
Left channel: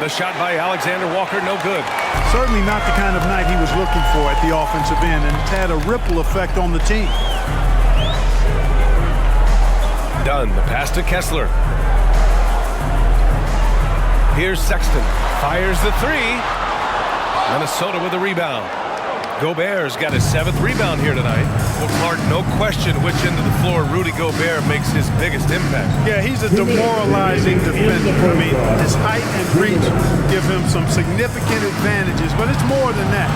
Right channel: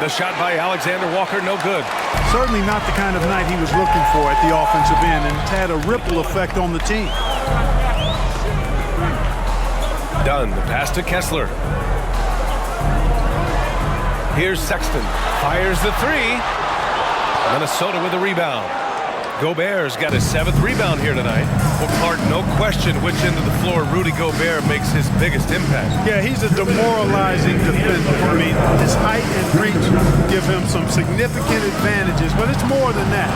The shot by Alexander Walker, no good. Certainly not the kind of night he was looking for at the offensive end, and it's had a ripple effect on the team. Dunn, the pass to Kessler. Here's Sexton, fires the three. Minnesota with a rebound. Gobert's got his 7th rebound here tonight. Well, Clark, no question which end of the floor Rudy Gobert makes his biggest impact. Yeah, he's a demoralizing defender. I mean, his height and reach give him some significant advantages, but it's more than that.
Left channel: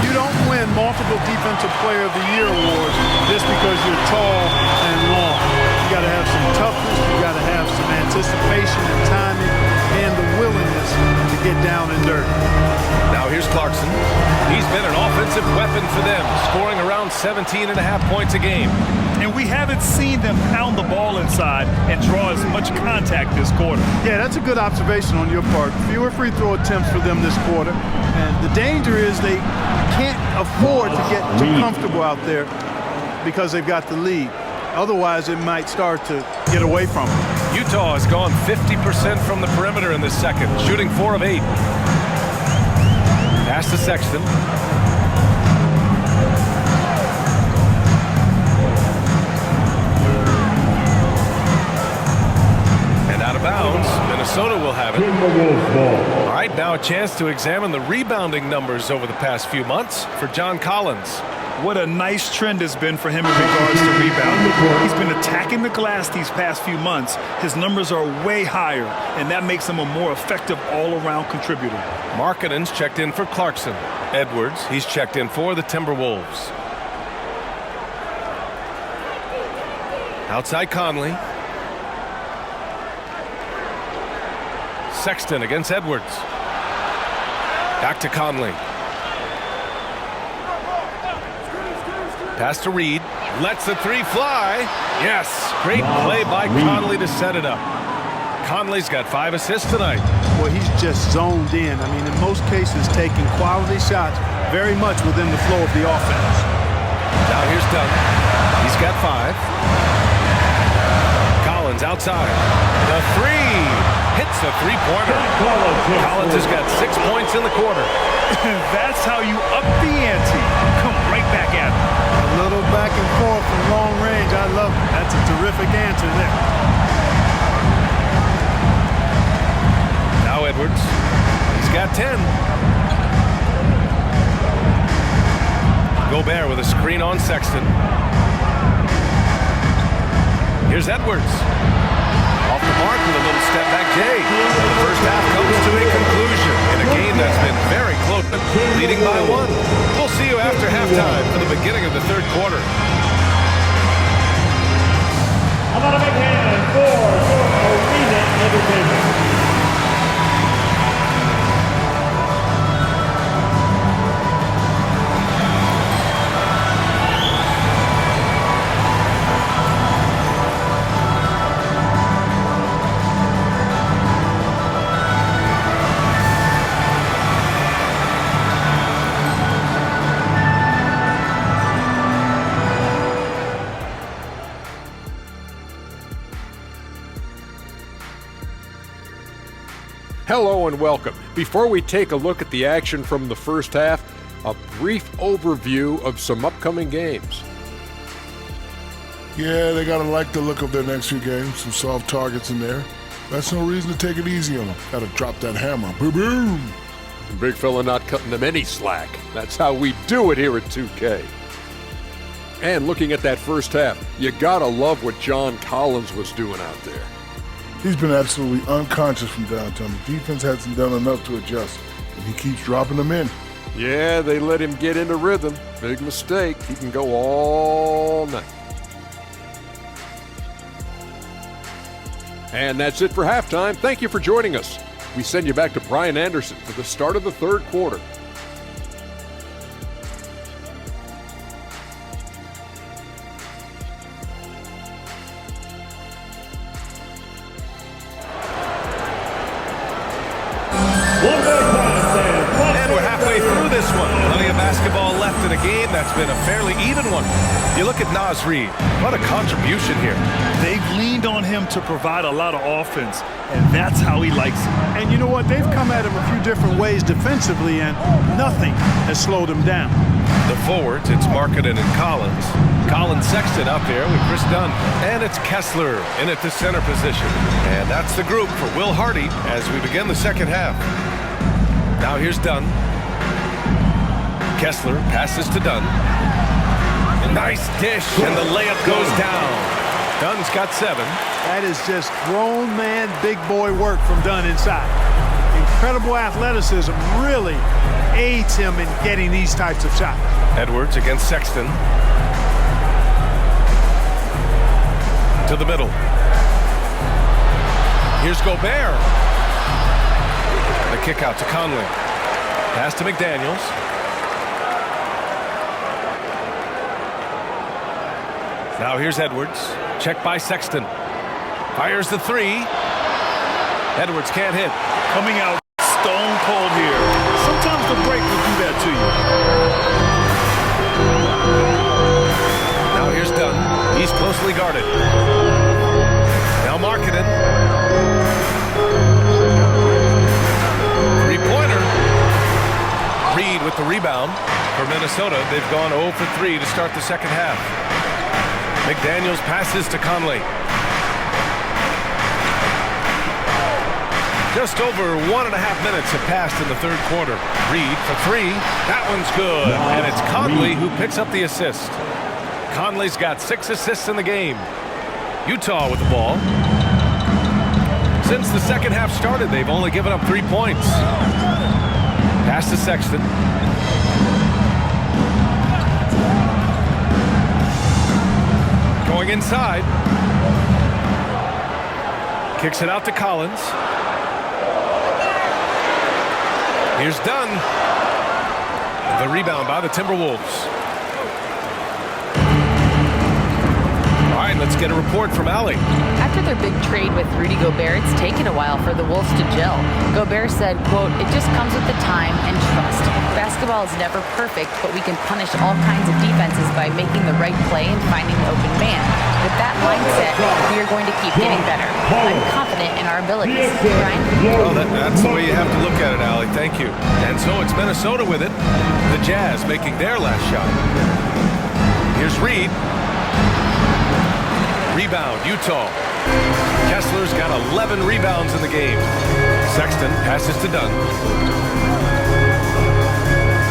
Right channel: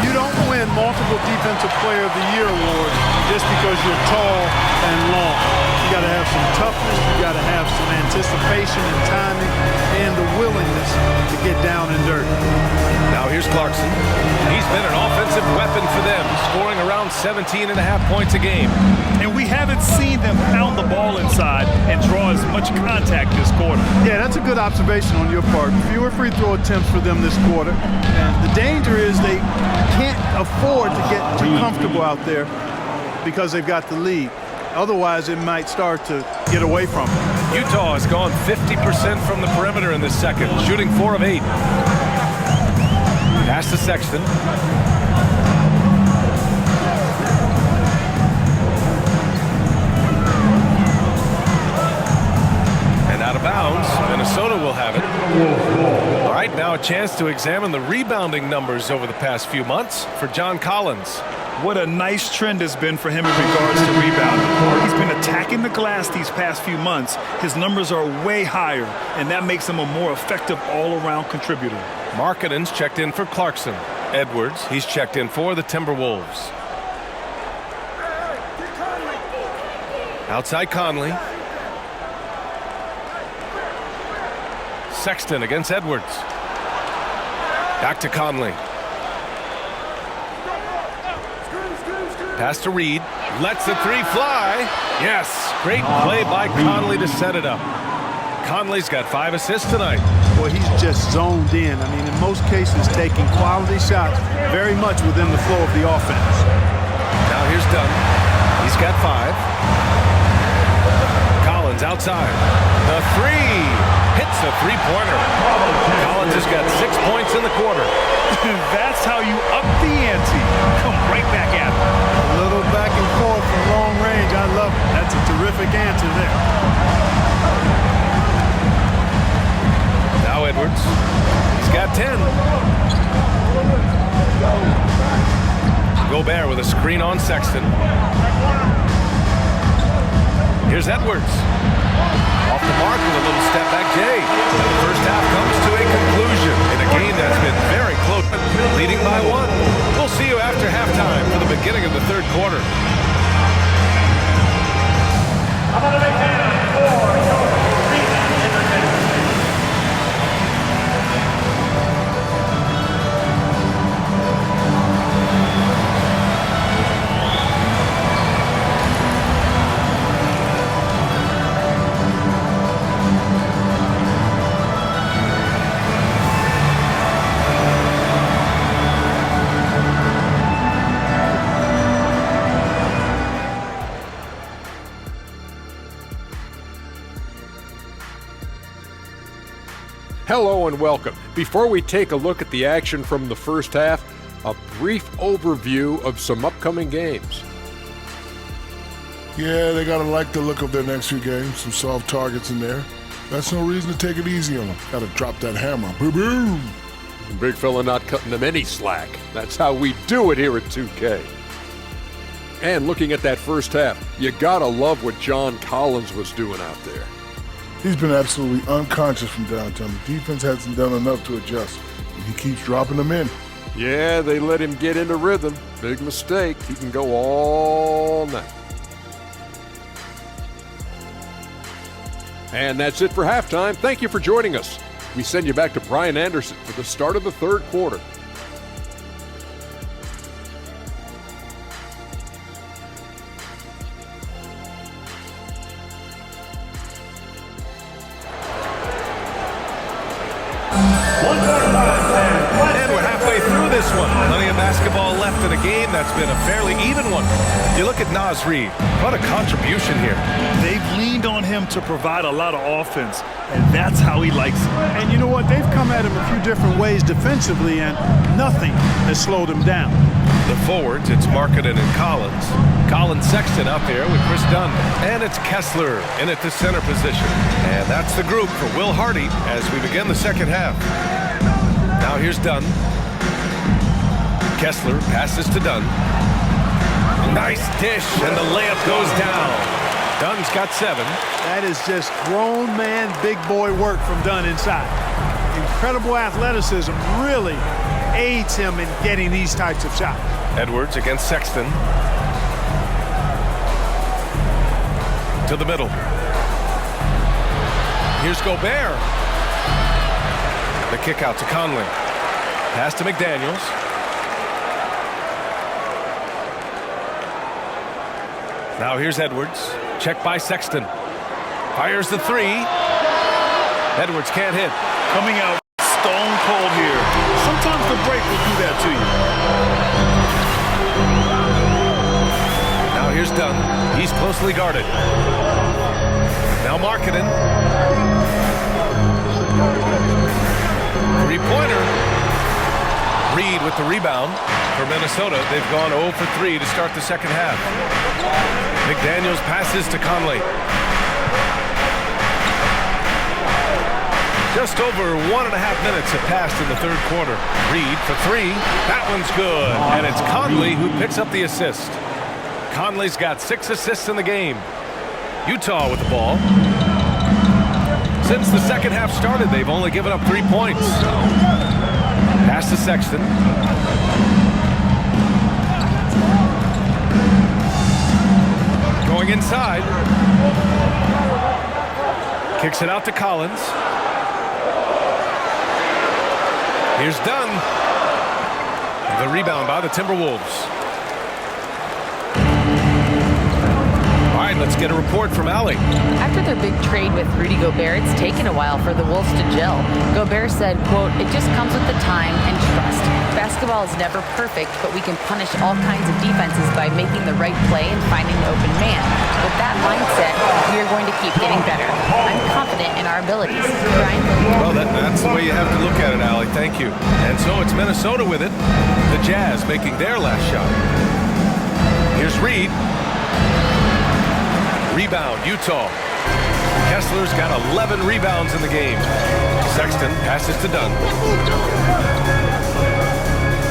You don't win multiple Defensive Player of the Year awards just because you're tall and long. You got to have some toughness, you got to have some anticipation and timing, and the willingness to get down and dirty. Now here's Clarkson. He's been an offensive weapon for them, scoring around 17.5 points a game. And we haven't seen them pound the ball inside and draw as much contact this quarter. Yeah, that's a good observation on your part. Fewer free throw attempts for them this quarter. And the danger is they can't afford to get too comfortable out there because they've got the lead. Otherwise, it might start to get away from them. Utah has gone 50% from the perimeter in this second, shooting 4 of 8. Pass to Sexton. And out of bounds, Minnesota will have it. All right, now a chance to examine the rebounding numbers over the past few months for John Collins. What a nice trend has been for him in regards to rebounding. He's been attacking the glass these past few months. His numbers are way higher, and that makes him a more effective all-around contributor. Markkanen's checked in for Clarkson. Edwards, he's checked in for the Timberwolves. Outside Conley. Sexton against Edwards. Back to Conley. Pass to Reed. Lets the three fly. Yes, great play by Conley to set it up. Conley's got 5 assists tonight. Well, he's just zoned in. I mean, in most cases, taking quality shots very much within the flow of the offense. Now here's Dunn. He's got 5. Collins outside. The three. Hits the three-pointer. Collins has got 6 points in the quarter. That's how you up the ante. Come right back at him. A little back and forth from long range. I love it. That's a terrific answer there. Now Edwards. He's got 10. Gobert with a screen on Sexton. Here's Edwards. Off the mark with a little step back Jay. And the first half comes to a conclusion in a game that's been very close, leading by 1. We'll see you after halftime for the beginning of the third quarter. How about a big hand for your arena entertainment? Hello and welcome. Before we take a look at the action from the first half, a brief overview of some upcoming games. Yeah, they gotta like the look of their next few games. Some soft targets in there. That's no reason to take it easy on them. Gotta drop that hammer. Boom, boom. Big fella not cutting them any slack. That's how we do it here at 2K. And looking at that first half, you gotta love what John Collins was doing out there. He's been absolutely unconscious from downtown. The defense hasn't done enough to adjust, and he keeps dropping them in. Yeah, they let him get into rhythm. Big mistake. He can go all night. And that's it for halftime. Thank you for joining us. We send you back to Brian Anderson for the start of the third quarter. midway through this one. Plenty of basketball left in a game that's been a fairly even one. You look at Naz Reid. What a contribution here. They've leaned on him to provide a lot of offense, and that's how he likes it. And you know what? They've come at him a few different ways defensively, and nothing has slowed him down. The forwards, it's Markkanen and Collins. Colin Sexton out there with Chris Dunn. And it's Kessler in at the center position. And that's the group for Will Hardy as we begin the second half. Now here's Dunn. Kessler passes to Dunn. Nice dish, and the layup goes down. Dunn's got 7. That is just grown man, big boy work from Dunn inside. Incredible athleticism really aids him in getting these types of shots. Edwards against Sexton. To the middle. Here's Gobert. The kick out to Conley. Pass to McDaniels. Now here's Edwards. Check by Sexton. Fires the 3. Edwards can't hit. Coming out stone cold here. Sometimes the break will do that to you. Now here's Dunn. He's closely guarded. Now Markkanen. 3-pointer. Reid with the rebound. For Minnesota, they've gone 0 for 3 to start the second half. McDaniels passes to Conley. Just over 1.5 minutes have passed in the third quarter. Reid for 3. That one's good. And it's Conley who picks up the assist. Conley's got 6 assists in the game. Utah with the ball. Since the second half started, they've only given up 3 points. Pass to Sexton. Going inside. Kicks it out to Collins. Here's Dunn. The rebound by the Timberwolves. All right, let's get a report from Allie. After their big trade with Rudy Gobert, it's taken a while for the Wolves to gel. Gobert said, quote, "It just comes with the time and trust. Basketball is never perfect, but we can punish all kinds of defenses by making the right play and finding the open man. With that mindset, we are going to keep getting better. I'm confident in our abilities." Brian? Well, that's the way you have to look at it, Allie. Thank you. And so it's Minnesota with it. The Jazz making their last shot. Here's Reid. Rebound, Utah. Kessler's got 11 rebounds in the game. Sexton passes to Dunn.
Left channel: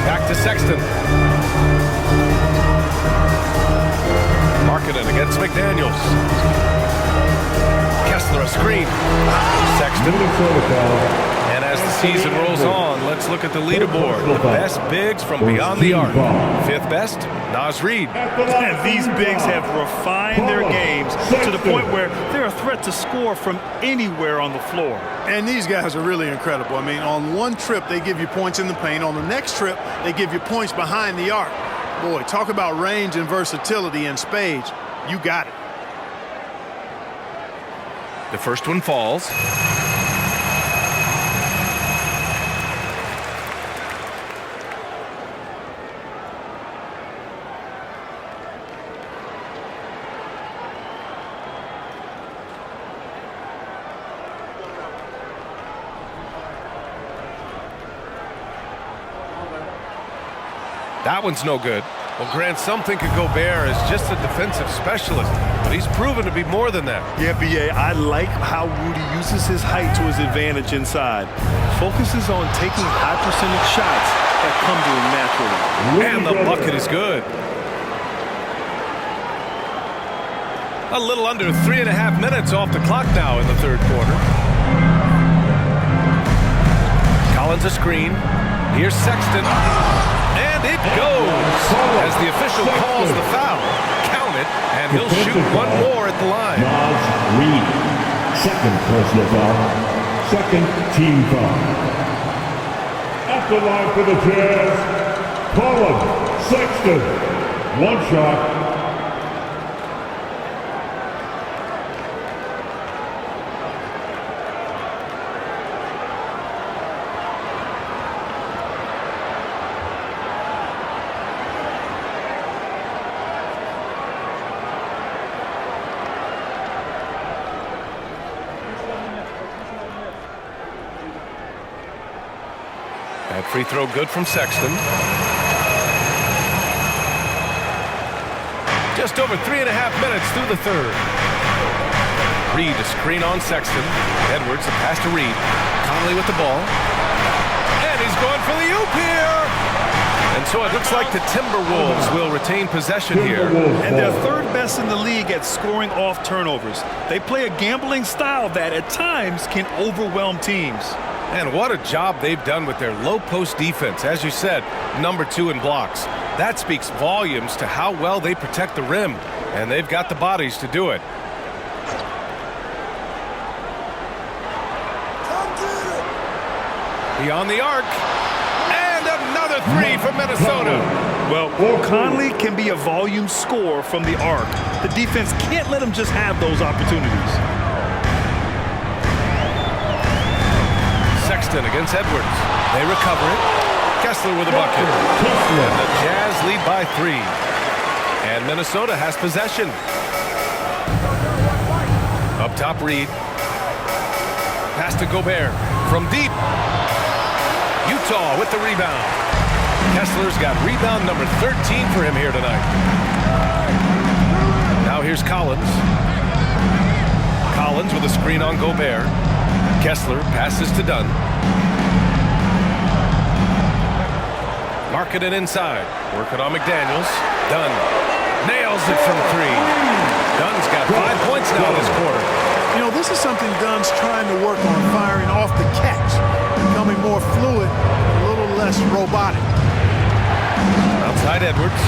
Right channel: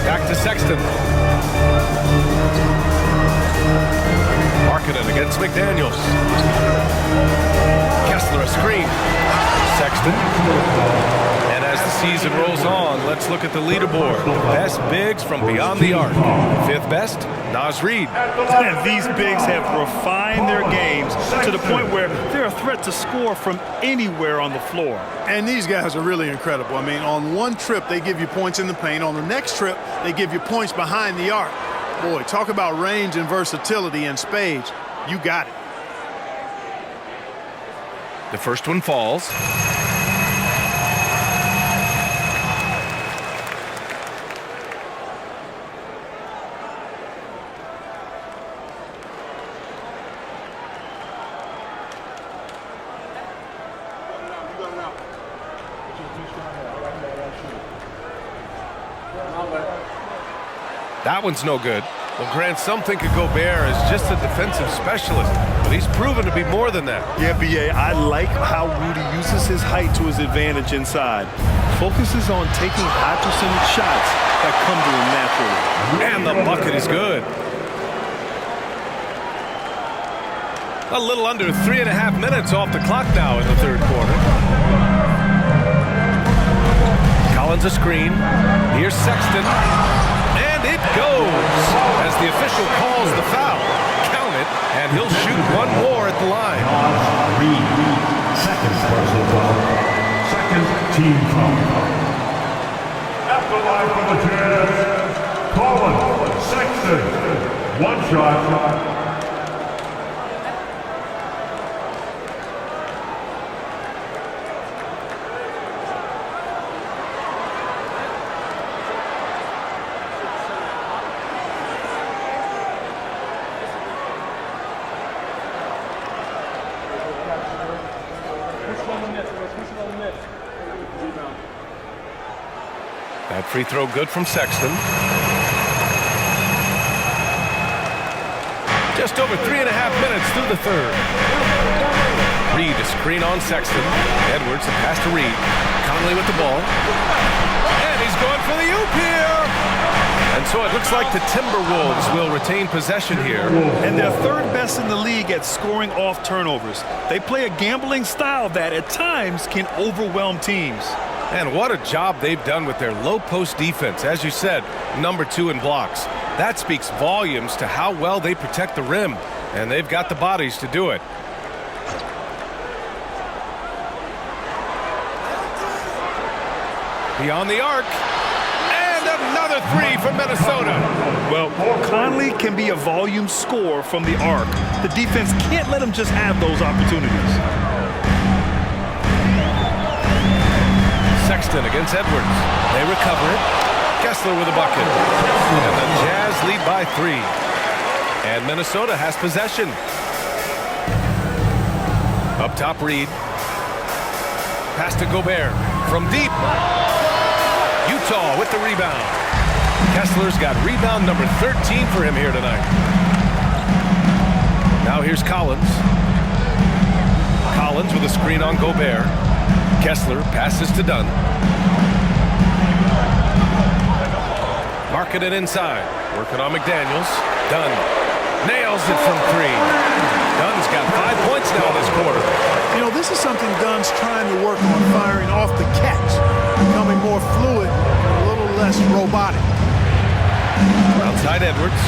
Back to Sexton. Markkanen against McDaniels. Kessler a screen. Sexton. And as the season rolls on, let's look at the leaderboard. The best bigs from beyond the arc. 5th best, Naz Reid. And these bigs have refined their games to the point where they're a threat to score from anywhere on the floor. And these guys are really incredible. I mean, on one trip, they give you points in the paint. On the next trip, they give you points behind the arc. Boy, talk about range and versatility in spades. You got it. The first one falls. That one's no good. Well, Grant, some think of Gobert as just a defensive specialist, but he's proven to be more than that. Yeah, B.A., I like how Rudy uses his height to his advantage inside. Focuses on taking high percentage shots that come to him naturally. And the bucket is good. A little under 3.5 minutes off the clock now in the third quarter. Collins a screen. Here's Sexton. And it goes as the official calls the foul. Count it, and he'll shoot one more at the line. Naz Reid, second personal foul, second team foul. At the line for the Jazz, Colin Sexton, 1 shot. That free throw good from Sexton. Just over 3.5 minutes through the third. Reed to screen on Sexton. Edwards the pass to Reed. Conley with the ball. And he's going for the oop here. And so it looks like the Timberwolves will retain possession here. And they're third best in the league at scoring off turnovers. They play a gambling style that at times can overwhelm teams. And what a job they've done with their low post defense. As you said, number 2 in blocks. That speaks volumes to how well they protect the rim. And they've got the bodies to do it. Beyond the arc. And another three from Minnesota. Well, Conley can be a volume scorer from the arc. The defense can't let him just have those opportunities. Sexton against Edwards. They recover it. Kessler with a bucket. And the Jazz lead by 3. And Minnesota has possession. Up top, Reed. Pass to Gobert from deep. Utah with the rebound. Kessler's got rebound number 13 for him here tonight. Now here's Collins. Collins with a screen on Gobert. Kessler passes to Dunn. Marking it inside. Working on McDaniels. Dunn nails it from 3. Dunn's got 5 points now this quarter. You know, this is something Dunn's trying to work on, firing off the catch, becoming more fluid and a little less robotic. Outside Edwards.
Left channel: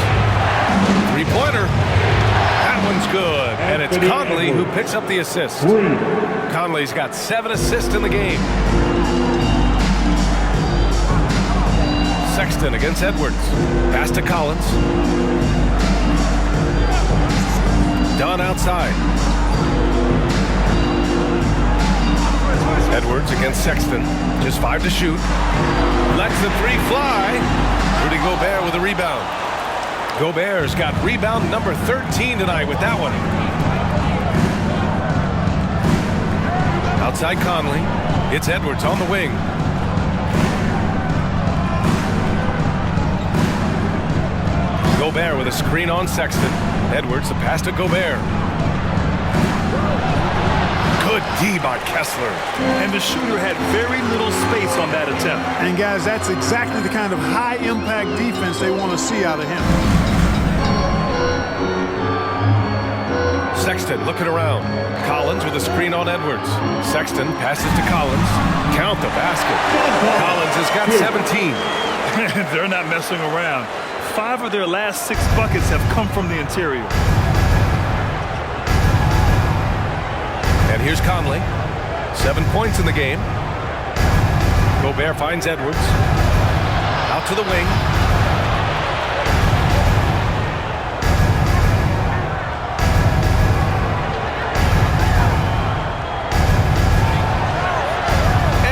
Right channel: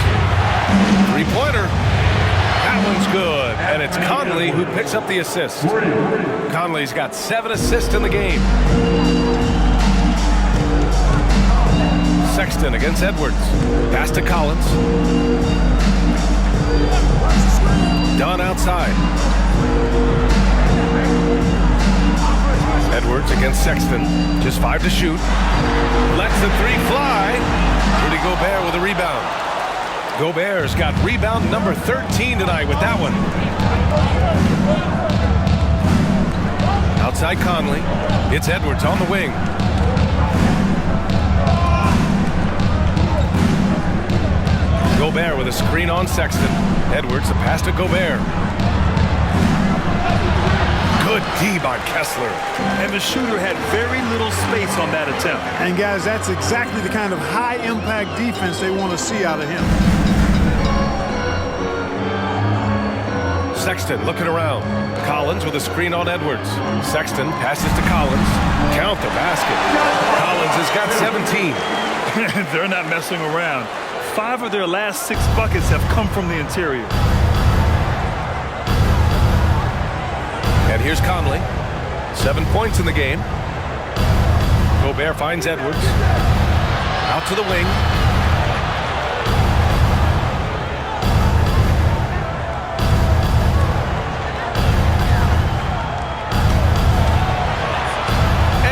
3-pointer. That one's good. And it's Conley who picks up the assist. Conley's got 7 assists in the game. Sexton against Edwards. Pass to Collins. Dunn outside. Edwards against Sexton. Just 5 to shoot. Lets the 3 fly. Rudy Gobert with a rebound. Gobert's got rebound number 13 tonight with that one. Outside Conley. It's Edwards on the wing. Gobert with a screen on Sexton. Edwards, the pass to Gobert. Good D by Kessler. And the shooter had very little space on that attempt. And guys, that's exactly the kind of high-impact defense they want to see out of him. Sexton looking around. Collins with a screen on Edwards. Sexton passes to Collins. Count the basket. Collins has got 17. They're not messing around. 5 of their last 6 buckets have come from the interior. And here's Conley. 7 points in the game. Gobert finds Edwards. Out to the wing.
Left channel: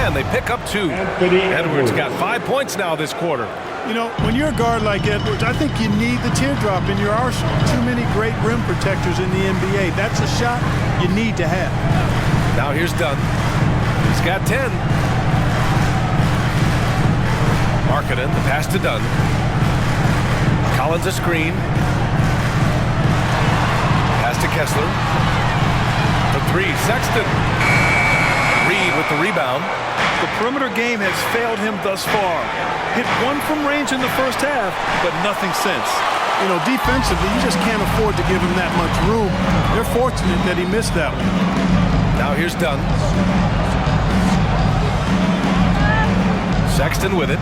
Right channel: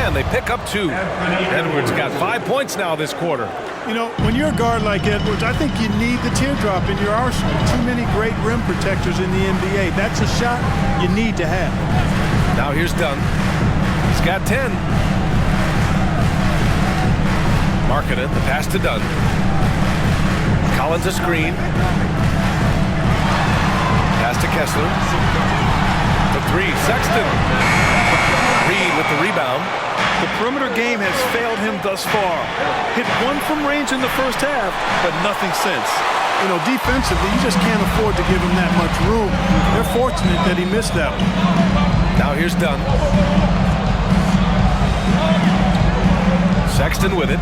And they pick up 2. Edwards got 5 points now this quarter. You know, when you're a guard like Edwards, I think you need the teardrop in your arsenal. Too many great rim protectors in the NBA. That's a shot you need to have. Now here's Dunn. He's got 10. Markkanen, the pass to Dunn. Collins a screen. Pass to Kessler. For 3, Sexton. Reed with the rebound. The perimeter game has failed him thus far. Hit 1 from range in the first half, but nothing since. You know, defensively, you just can't afford to give him that much room. They're fortunate that he missed that one. Now here's Dunn. Sexton with it.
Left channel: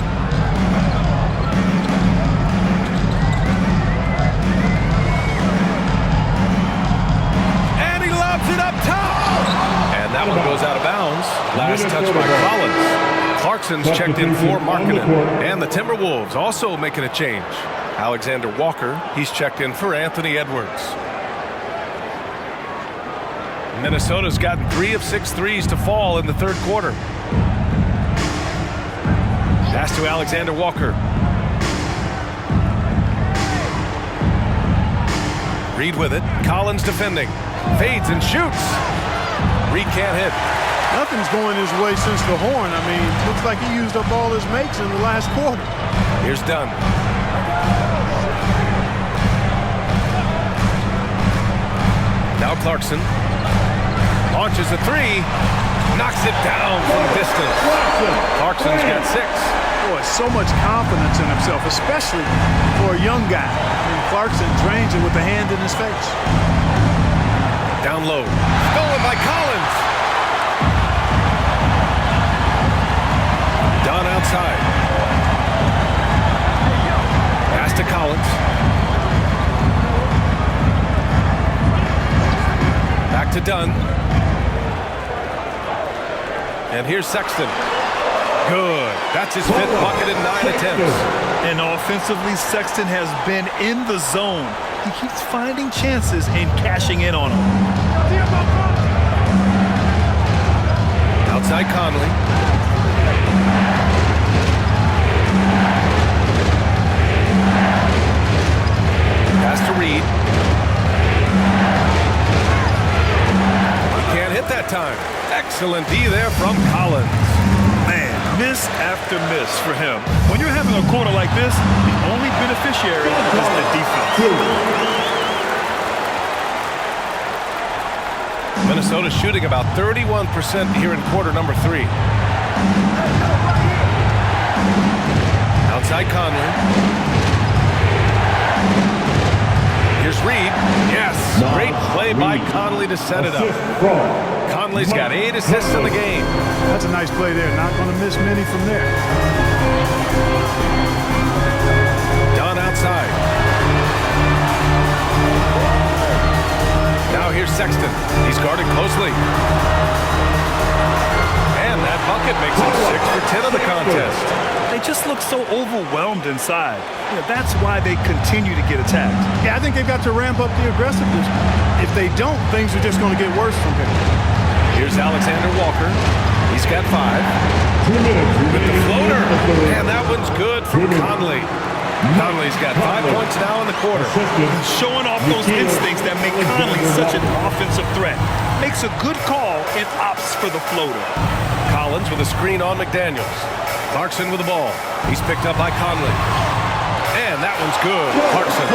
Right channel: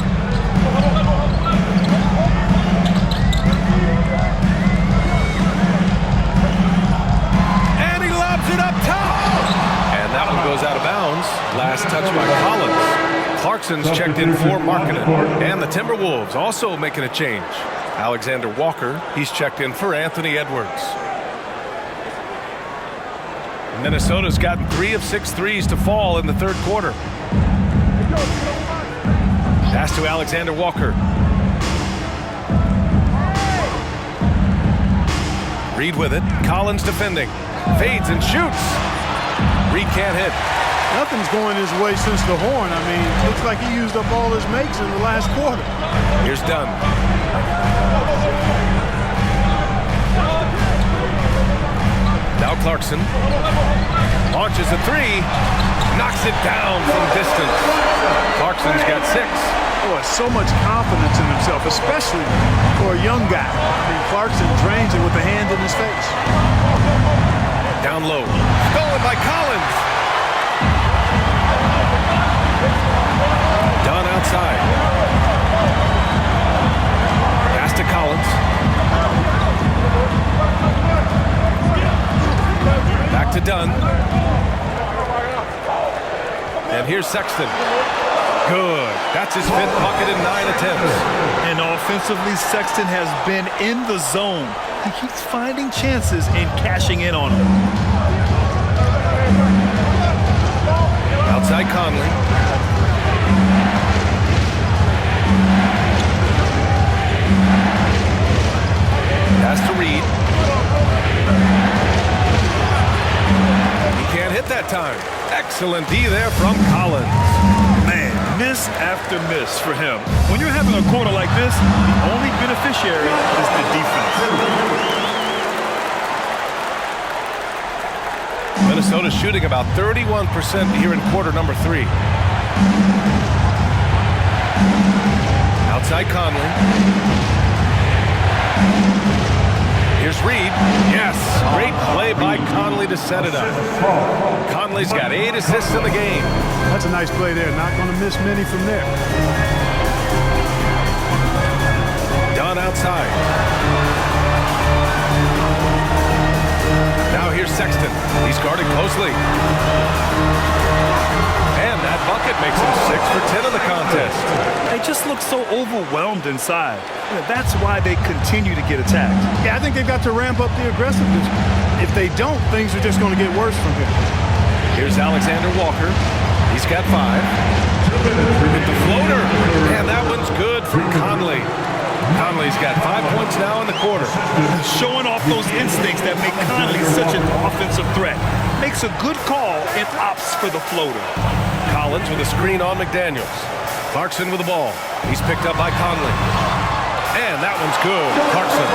And he lobs it up top. And that one goes out of bounds. Last touch by Collins. Clarkson's checked in for Markkanen. And the Timberwolves also making a change. Alexander Walker, he's checked in for Anthony Edwards. Minnesota's gotten 3 of 6 threes to fall in the third quarter. Pass to Alexander Walker. Reed with it. Collins defending. Fades and shoots. Reed can't hit. Nothing's going his way since the horn. I mean, looks like he used up all his makes in the last quarter. Here's Dunn. Now Clarkson launches a three, knocks it down from distance. Clarkson's got 6. Boy, so much confidence in himself, especially for a young guy. I mean, Clarkson drains it with a hand in his face. Down low, stolen by Collins. Dunn outside. Pass to Collins. Back to Dunn. And here's Sexton. Good. That's his 5th bucket in 9 attempts. And offensively, Sexton has been in the zone. He keeps finding chances and cashing in on them. Outside Conley. Pass to Reed. He can't hit that time. Excellent D there from Collins. Man, miss after miss for him. When you're having a quarter like this, the only beneficiary is the defense. Minnesota's shooting about 31% here in quarter number 3. Outside Conley. Here's Reed. Yes, great play by Conley to set it up. Conley's got 8 assists in the game. That's a nice play there. Not going to miss many from there. Dunn outside. Now here's Sexton. He's guarded closely. And that bucket makes him 6 for 10 of the contest. They just look so overwhelmed inside. That's why they continue to get attacked. Yeah, I think they've got to ramp up the aggressiveness. If they don't, things are just going to get worse from here. Here's Alexander Walker. He's got 5. With the floater. And that one's good from Conley. Conley's got 5 points now in the quarter. Showing off those instincts that make Conley such an offensive threat. Makes a good call and opts for the floater. Collins with a screen on McDaniels. Clarkson with the ball. He's picked up by Conley. And that one's good. Clarkson.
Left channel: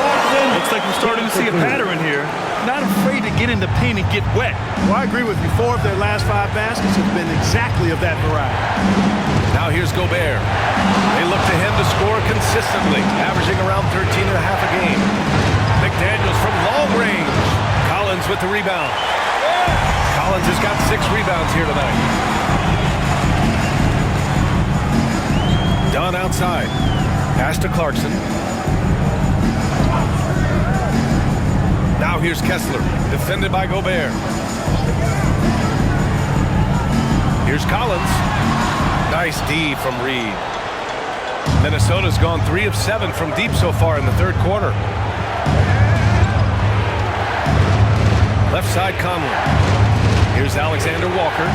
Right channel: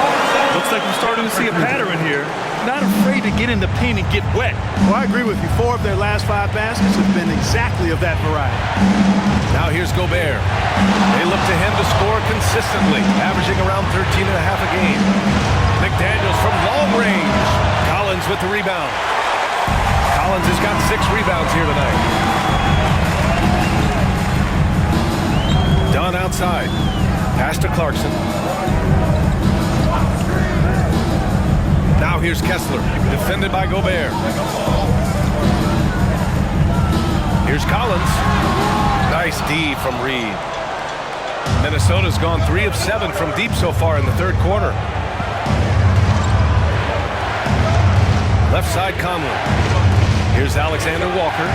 Looks like we're starting to see a pattern here. Not afraid to get in the paint and get wet. Well, I agree with you. 4 of their last 5 baskets have been exactly of that variety. Now here's Gobert. They look to him to score consistently, averaging around 13.5 a game. McDaniels from long range. Collins with the rebound. Collins has got 6 rebounds here tonight. Dunn outside. Pass to Clarkson. Now here's Kessler, defended by Gobert. Here's Collins. Nice D from Reed. Minnesota's gone 3 of 7 from deep so far in the 3rd quarter. Left side Conley. Here's Alexander Walker.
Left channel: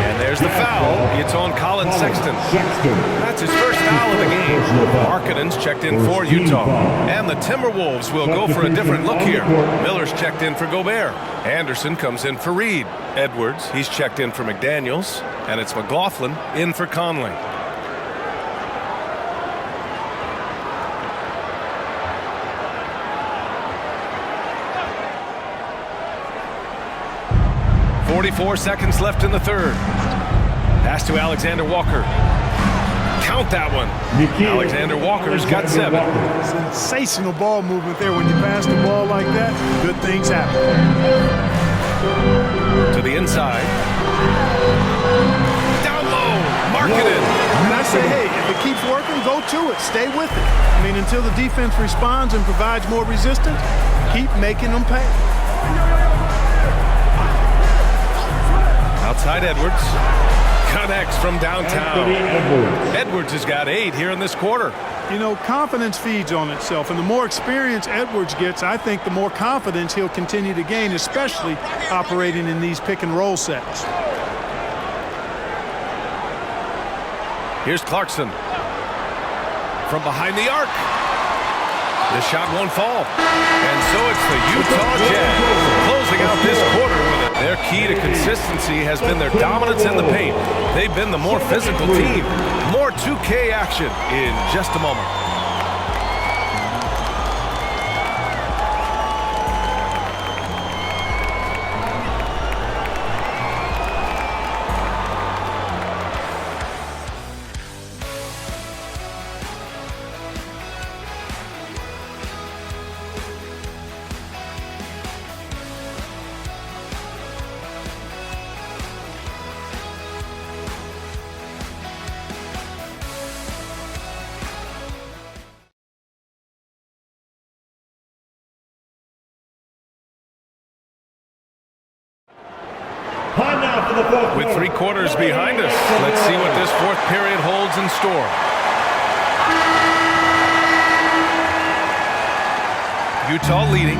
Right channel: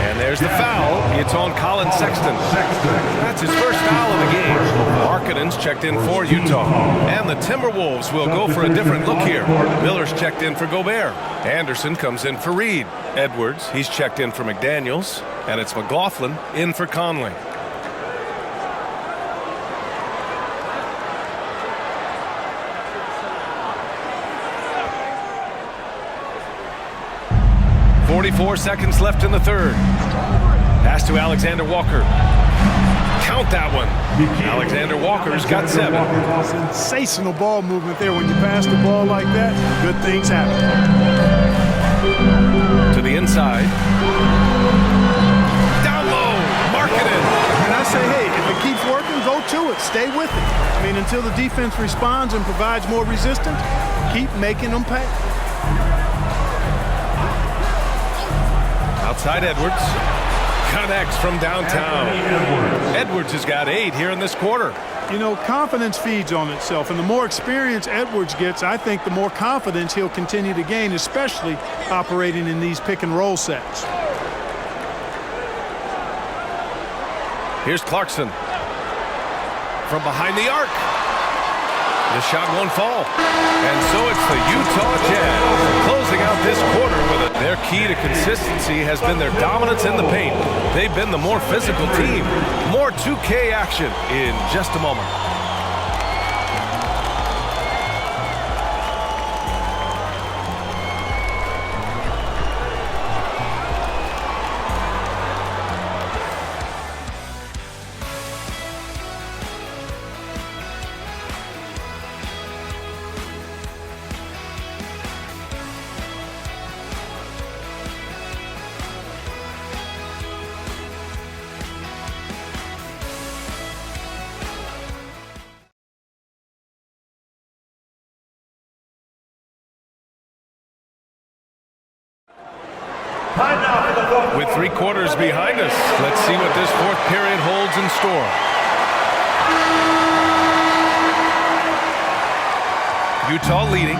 And there's the foul. It's on Colin Sexton. That's his first foul of the game. Markkanen's checked in for Utah. And the Timberwolves will go for a different look here. Miller's checked in for Gobert. Anderson comes in for Reed. Edwards, he's checked in for McDaniels. And it's McLaughlin in for Conley. .44 seconds left in the 3rd. Pass to Alexander Walker. Count that one. Alexander Walker's got 7. Sensational ball movement there. When you pass the ball like that, good things happen. To the inside. Down low. Markkanen. And I say, hey, if it keeps working, go to it. Stay with it. I mean, until the defense responds and provides more resistance, keep making them pay. Outside Edwards. Connects from downtown. Edwards has got 8 here in this quarter. You know, confidence feeds on itself, and the more experience Edwards gets, I think the more confidence he'll continue to gain, especially operating in these pick-and-roll sets. Here's Clarkson. From behind the arc. The shot won't fall. And so it's the Utah Jazz closing out this quarter with it. Their key to consistency has been their dominance in the paint. They've been the more physical team. More 2K action in just a moment. Time now for the fourth With 3 quarters behind us, let's see what this fourth period holds in store. Utah leading.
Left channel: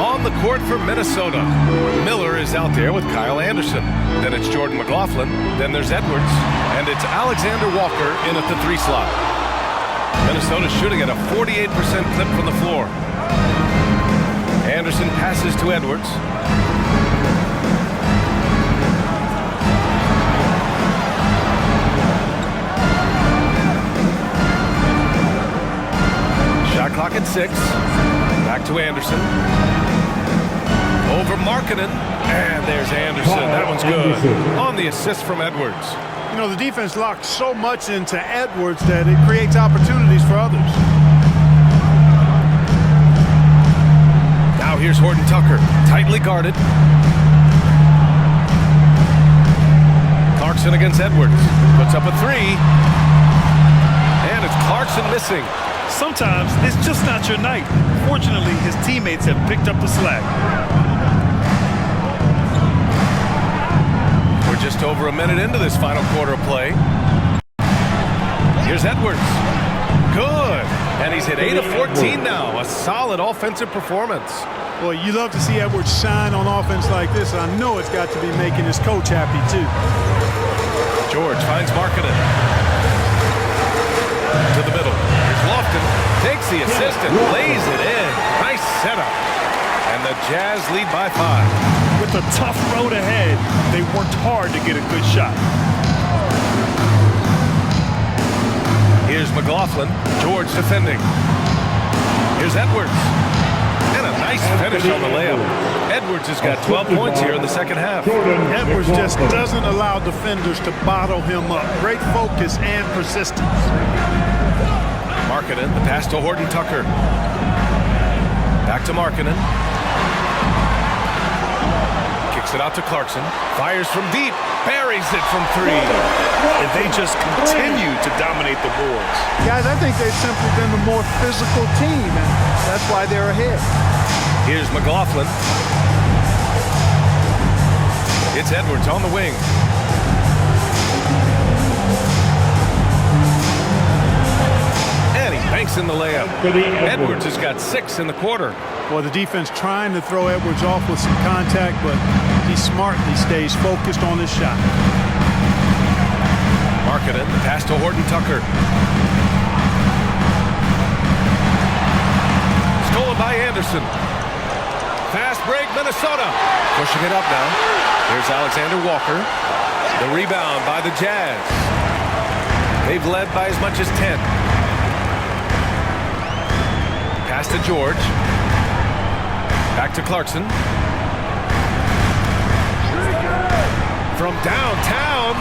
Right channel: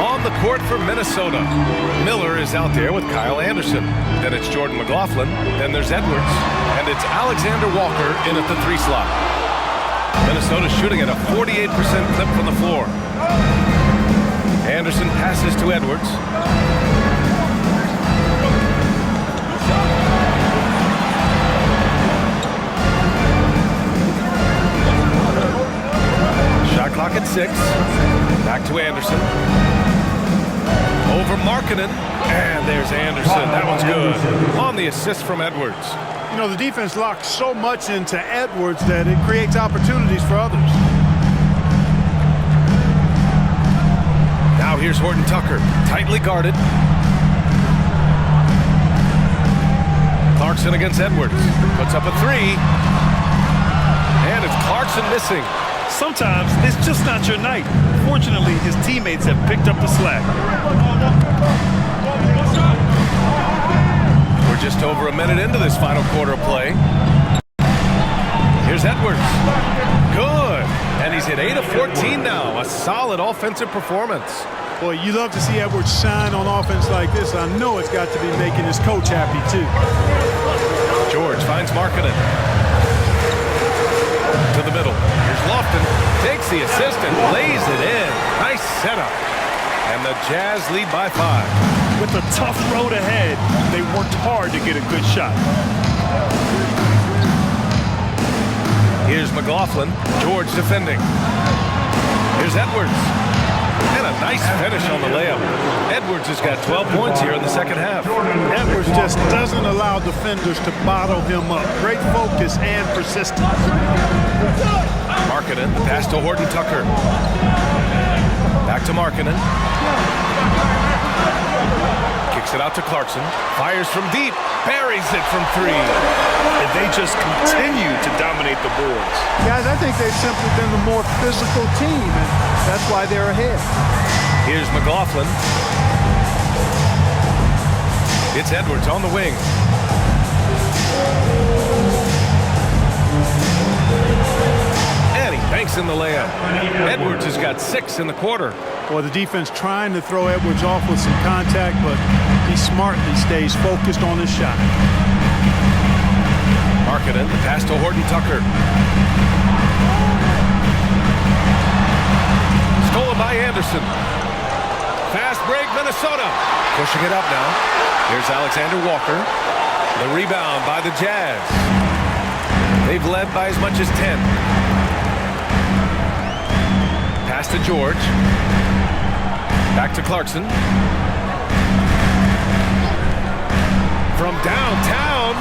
On the court for Minnesota. Miller is out there with Kyle Anderson. Then it's Jordan McLaughlin. Then there's Edwards. And it's Alexander Walker in at the 3 slot. Minnesota shooting at a 48% clip from the floor. Anderson passes to Edwards. Shot clock at 6. Back to Anderson. Over Markkanen. And there's Anderson. That one's good. On the assist from Edwards. You know, the defense locks so much into Edwards that it creates opportunities for others. Now here's Horton Tucker. Tightly guarded. Clarkson against Edwards. Puts up a 3. And it's Clarkson missing. Sometimes it's just not your night. Fortunately, his teammates have picked up the slack. We're just over a minute into this final quarter of play. Here's Edwards. Good. And he's at 8 of 14 now. A solid offensive performance. Boy, you love to see Edwards shine on offense like this. I know it's got to be making his coach happy, too. George finds Markkanen. To the middle. Here's Lofton. Takes the assist and lays it in. Nice setup. And the Jazz lead by 5. With a tough road ahead, they worked hard to get a good shot. Here's McLaughlin. George defending. Here's Edwards. And a nice finish on the layup. Edwards has got 12 points here in the second half. Edwards just doesn't allow defenders to bottle him up. Great focus and persistence. Markkanen, the pass to Horton Tucker. Back to Markkanen. Kicks it out to Clarkson. Fires from deep. Buries it from 3. And they just continue to dominate the boards. Guys, I think they've simply been the more physical team, and that's why they're ahead. Here's McLaughlin. It's Edwards on the wing. And he banks in the layup. Edwards has got 6 in the quarter. Well, the defense trying to throw Edwards off with some contact, but he smartly stays focused on his shot. Markkanen, the pass to Horton Tucker. Stolen by Anderson. Fast break, Minnesota. Pushing it up now. Here's Alexander Walker. The rebound by the Jazz. They've led by as much as 10. Pass to George. Back to Clarkson. From downtown.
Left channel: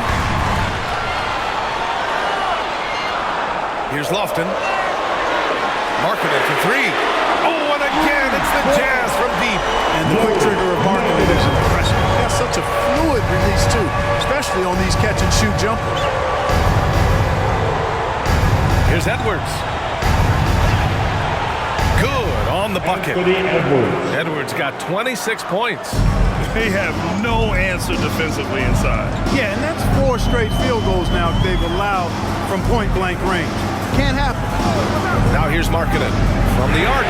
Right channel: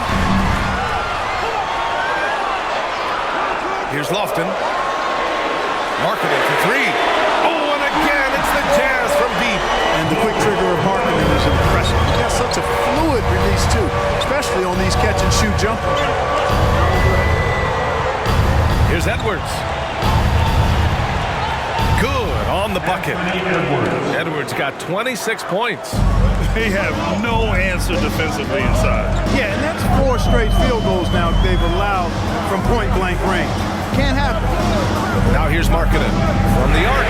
Here's Lofton. Markkanen for 3. Oh, and again, it's the Jazz from deep. And the quick trigger of Markkanen is impressive. He's got such a fluid release, too, especially on these catch-and-shoot jumpers. Here's Edwards. Good on the bucket. Edwards got 26 points. They have no answer defensively inside. Yeah, and that's 4 straight field goals now they've allowed from point-blank range. Can't happen. Now here's Markkanen from the arc.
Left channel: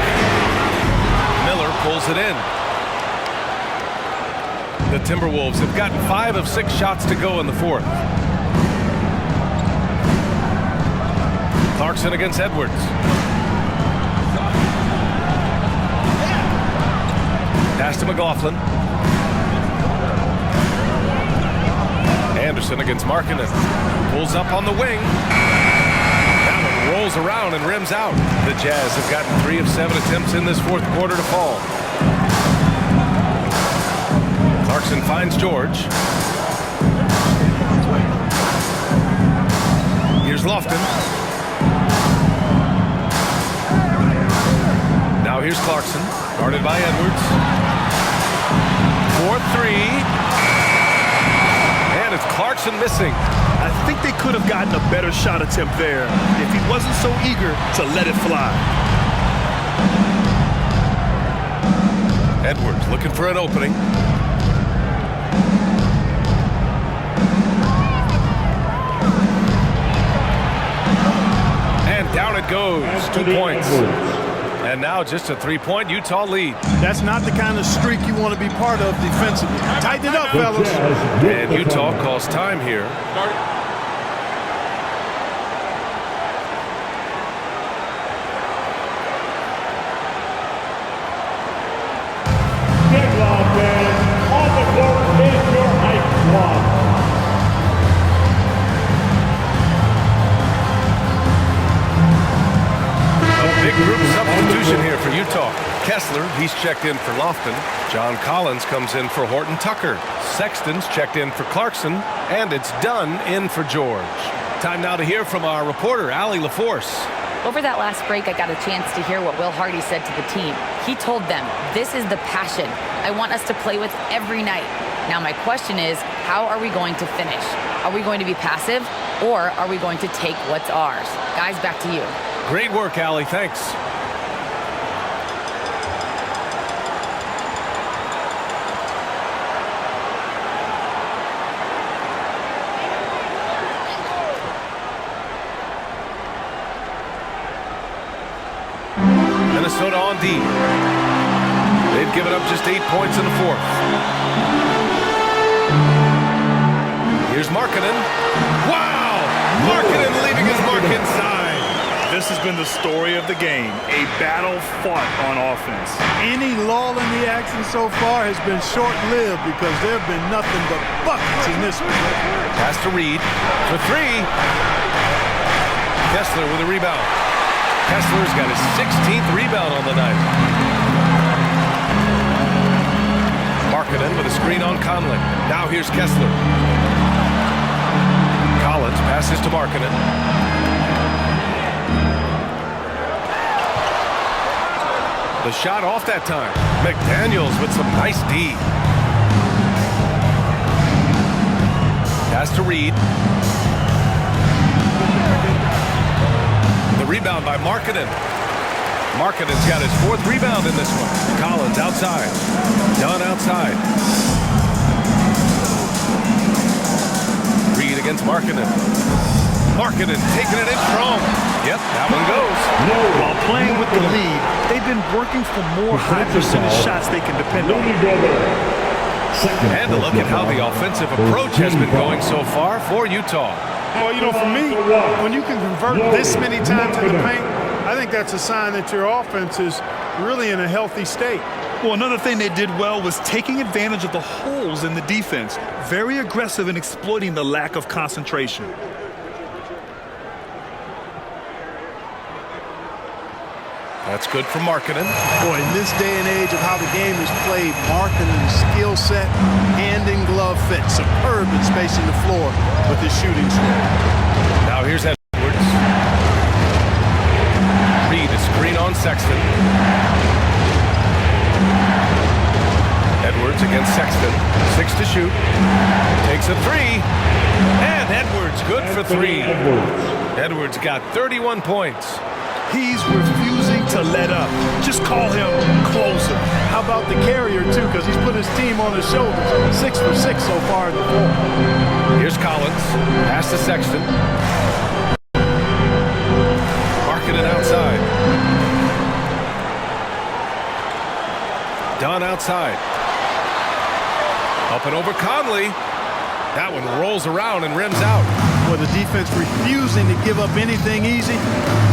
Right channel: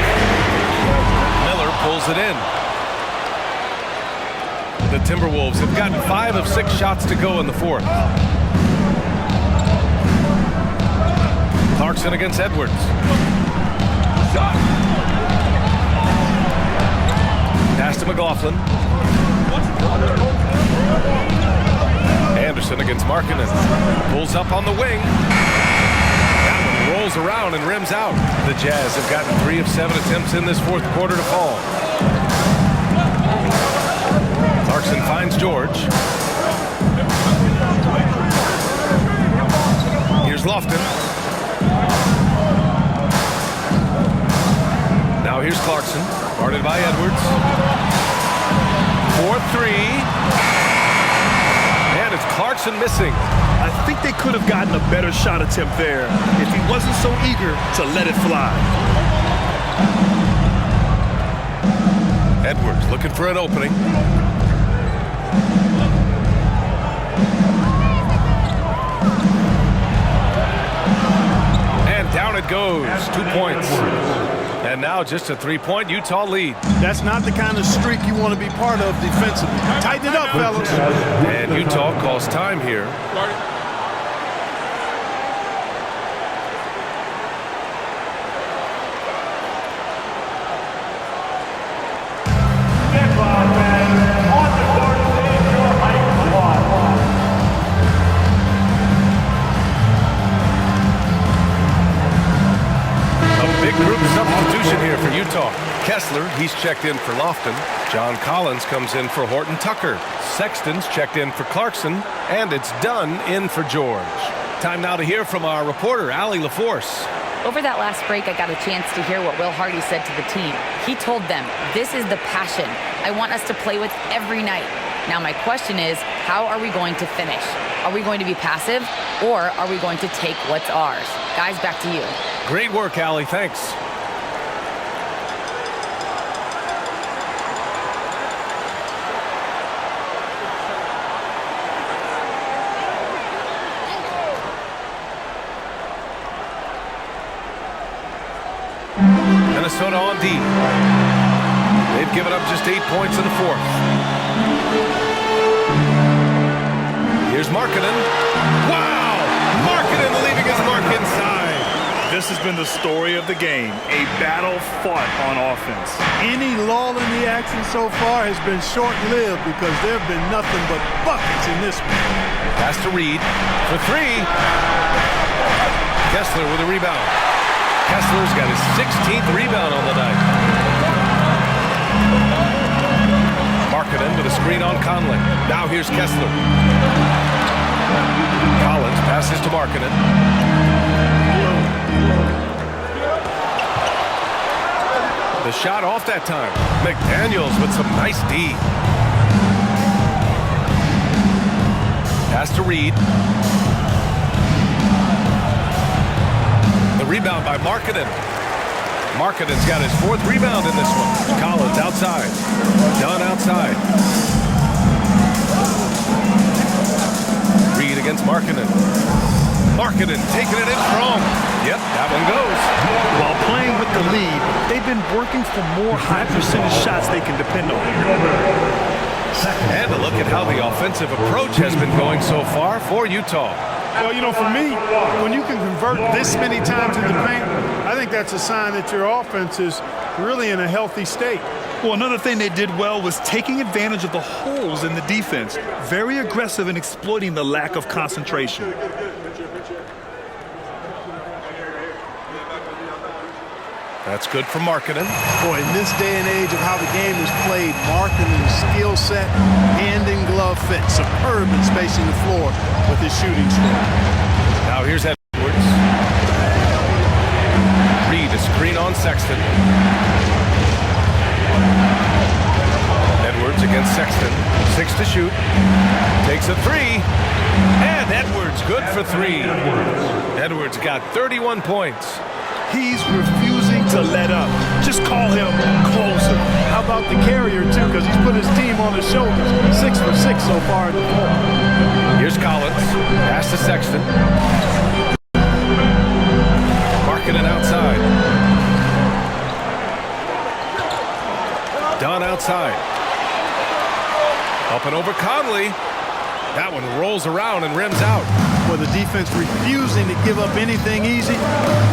Miller pulls it in. The Timberwolves have gotten 5 of 6 shots to go in the fourth. Clarkson against Edwards. Pass to McLaughlin. Anderson against Markkanen. Pulls up on the wing. That one rolls around and rims out. The Jazz have gotten 3 of 7 attempts in this fourth quarter to fall. Clarkson finds George. Here's Lofton. Now here's Clarkson, guarded by Edwards. 4-3. And it's Clarkson missing. I think they could have gotten a better shot attempt there if he wasn't so eager to let it fly. Edwards looking for an opening. And down it goes. 2 points. And now just a 3-point Utah lead. That's not the kind of streak you want to be part of defensively. Tighten it up, fellas. And Utah calls time here. Guard it. Deadlock man on the court is your height squad. A big group substitution here for Utah. Kessler, he's checked in for Lofton. John Collins comes in for Horton Tucker. Sexton's checked in for Clarkson. And it's Dunn in for George. Time now to hear from our reporter, Allie LaForce. Over that last break, I got a chance to hear what Will Hardy said to the team. He told them, this is the passion I want us to play with every night. Now my question is, how are we going to finish? Are we going to be passive, or are we going to take what's ours? Guys, back to you. Great work, Allie. Thanks. Minnesota on D. They've given up just 8 points in the fourth. Here's Markkanen. Wow! Markkanen leaving his mark inside. This has been the story of the game, a battle fought on offense. Any lull in the action so far has been short-lived because there have been nothing but buckets in this one. Pass to Reed for 3. Kessler with a rebound. Kessler's got his 16th rebound on the night. Markkanen with a screen on Conley. Now here's Kessler. Collins passes to Markkanen. The shot off that time. McDaniels with some nice D. Pass to Reed. The rebound by Markkanen. Markkanen's got his 4th rebound in this one. Collins outside. Dunn outside. Reed against Markkanen. Markkanen taking it in strong. Yep, that one goes. While playing with the lead, they've been working for more high percentage shots they can depend on. And a look at how the offensive approach has been going so far for Utah. Well, you know, for me, when you can convert this many times in the paint, I think that's a sign that your offense is really in a healthy state. Well, another thing they did well was taking advantage of the holes in the defense. Very aggressive in exploiting the lack of concentration. That's good for Markkanen. Boy, in this day and age of how the game is played, Markkanen's skill set, hand and glove fit, superb in spacing the floor with his shooting stroke. Now here's Edwards. Reed a screen on Sexton. Edwards against Sexton. 6 to shoot. Takes a 3. And Edwards good for 3. Edwards got 31 points. He's refusing to let up. Just call him closer. How about the carrier, too, because he's put his team on his shoulders. 6 for 6 so far in the fourth. Here's Collins. Pass to Sexton. Markkanen outside. Dunn outside. Up and over Conley. That one rolls around and rims out. with the defense refusing to give up anything easy.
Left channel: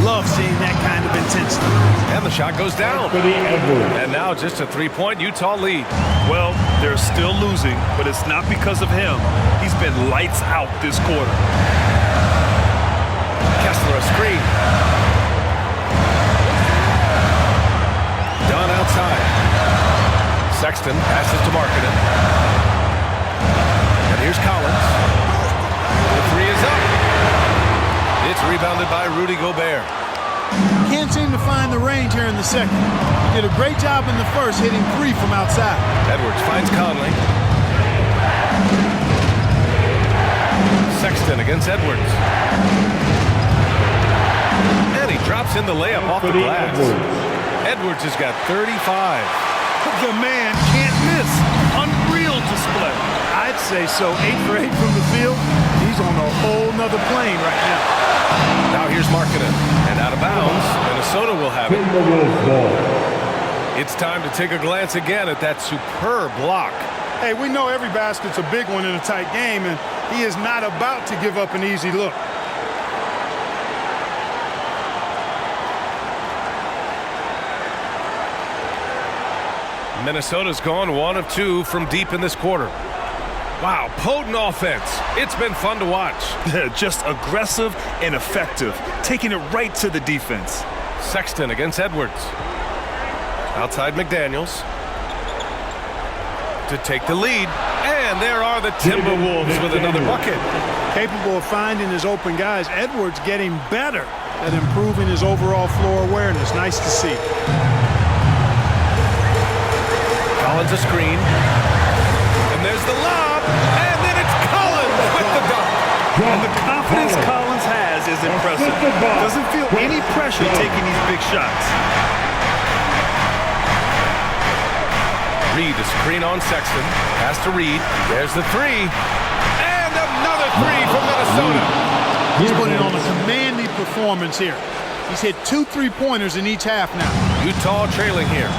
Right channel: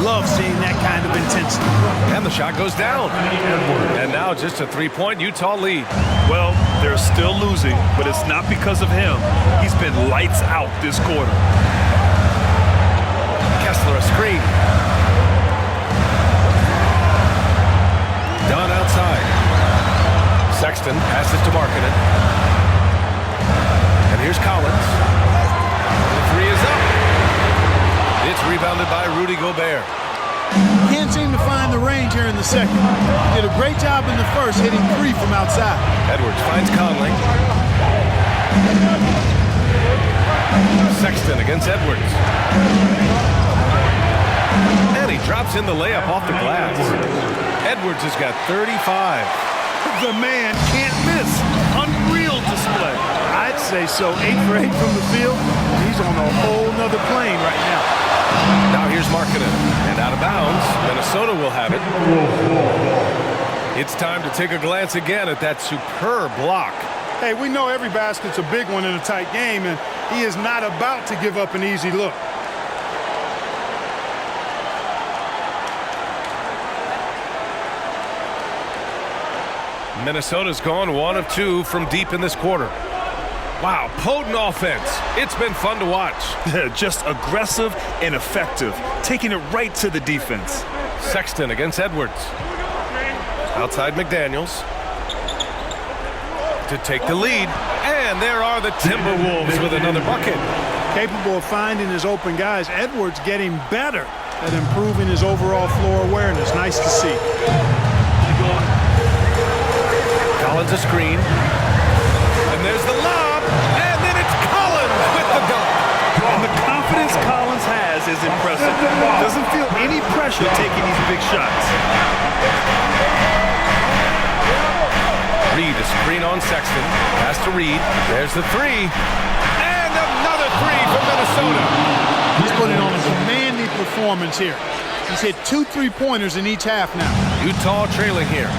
Love seeing that kind of intensity. And the shot goes down. And now just a three-point Utah lead. Well, they're still losing, but it's not because of him. He's been lights out this quarter. Kessler a screen. Dunn outside. Sexton passes to Markkanen. And here's Collins. The three is up. It's rebounded by Rudy Gobert. Can't seem to find the range here in the second. He did a great job in the first, hitting three from outside. Edwards finds Conley. Sexton against Edwards. And he drops in the layup off the glass. Edwards has got 35. The man can't miss. Unreal display. I'd say so. 8 for 8 from the field. He's on a whole nother plane right now. Now here's Markkanen. And out of bounds, Minnesota will have it. It's time to take a glance again at that superb block. Hey, we know every basket's a big one in a tight game, and he is not about to give up an easy look. Minnesota's gone 1 of 2 from deep in this quarter. Wow, potent offense. It's been fun to watch. Just aggressive and effective, taking it right to the defense. Sexton against Edwards. Outside McDaniels to take the lead. And there are the Timberwolves with another bucket. Capable of finding his open guys. Edwards getting better at improving his overall floor awareness. Nice to see. Collins a screen. And there's the lob. And then it's Collins with the dunk. And the confidence Collins has is impressive. Doesn't feel any pressure taking these big shots. Reed a screen on Sexton. Pass to Reed. There's the three. And another three from Minnesota. He's putting on a commanding performance here. He's hit 2 3-pointers in each half now. Utah trailing here.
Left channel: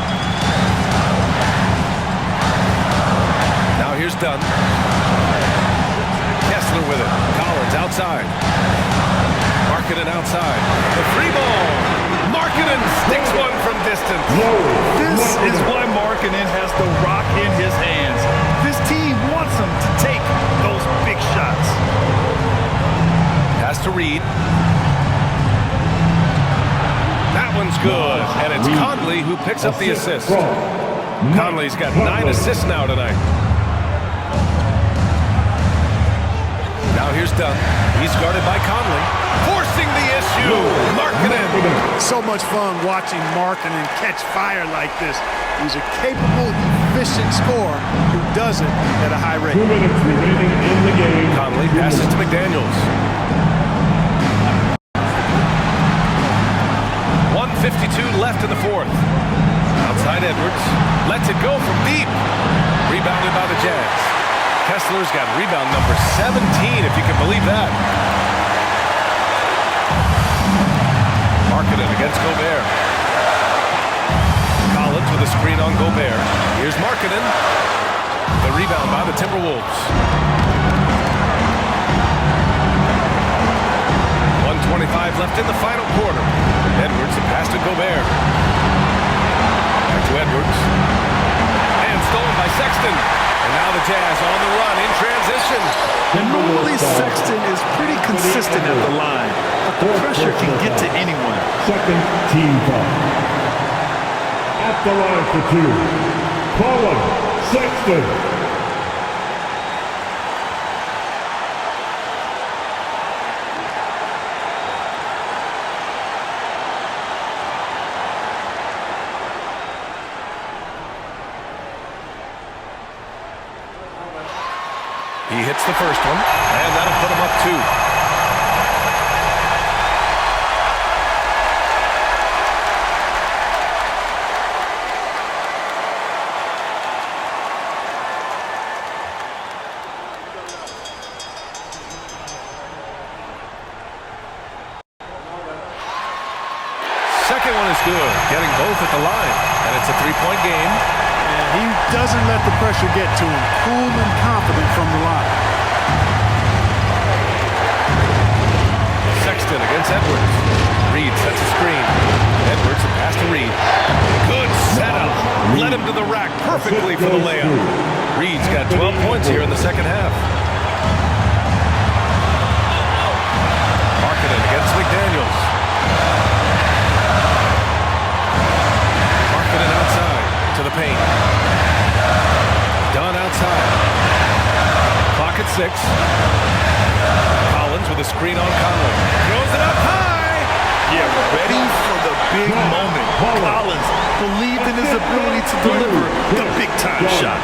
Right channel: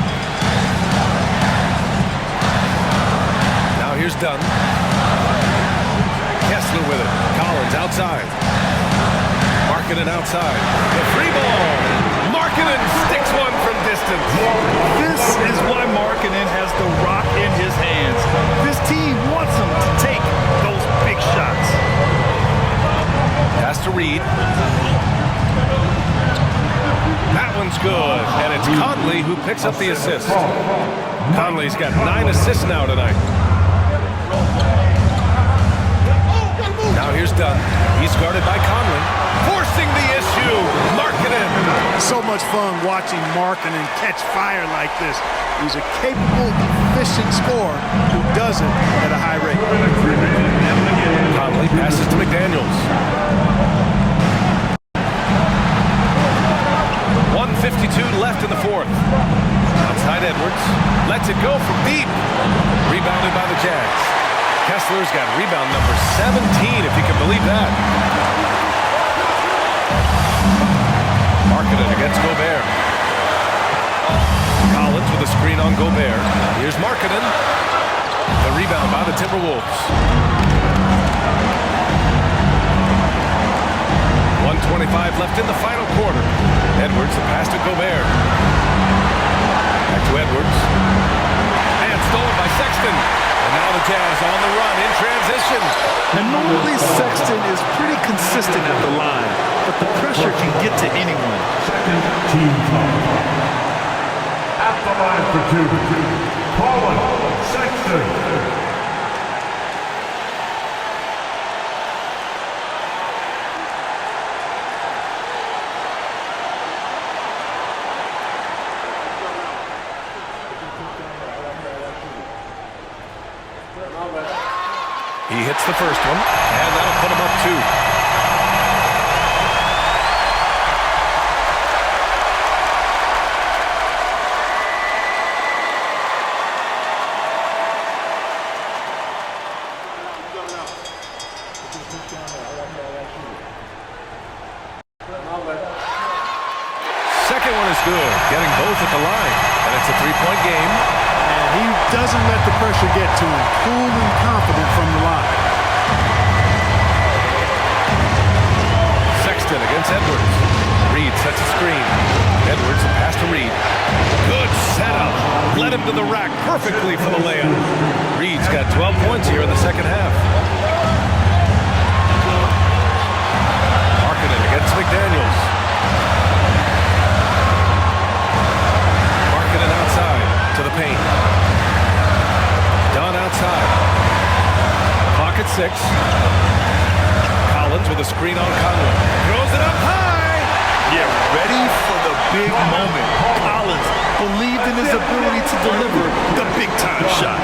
Now here's Dunn. Kessler with it. Collins outside. Markkanen outside. The free ball. Markkanen sticks one from distance. This is why Markkanen has the rock in his hands. This team wants him to take those big shots. Pass to Reed. That one's good. And it's Conley who picks up the assist. Conley's got 9 assists now tonight. Now here's Dunn. He's guarded by Conley. Forcing the issue. Markkanen. So much fun watching Markkanen catch fire like this. He's a capable, efficient scorer who does it at a high rate. Conley passes to McDaniels. 1:52 left in the fourth. Outside Edwards. Lets it go from deep. Rebounded by the Jazz. Kessler's got rebound number 17, if you can believe that. Markkanen against Gobert. Collins with a screen on Gobert. Here's Markkanen. The rebound by the Timberwolves. 1:25 left in the final quarter. Edwards, the pass to Gobert. Back to Edwards. And stolen by Sexton. And now the Jazz on the run in transition. And normally Sexton is pretty consistent at the line, but the pressure can get to anyone. Second team foul. At the line for 2. Collins, Sexton. He hits the first one, and that'll put him up 2. Second one is good, getting both at the line, and it's a 3-point game. And he doesn't let the pressure get to him. Cool and confident from the line. Sexton against Edwards. Reed sets a screen. Edwards, a pass to Reed. Good setup. Led him to the rack perfectly for the layup. Reed's got 12 points here in the second half. Markkanen against McDaniels. Markkanen outside to the paint. Dunn outside. Clock at 6. Collins with a screen on Conley. Throws it up high. Yeah, ready for the big moment. Collins believed in his ability to deliver the big-time shot.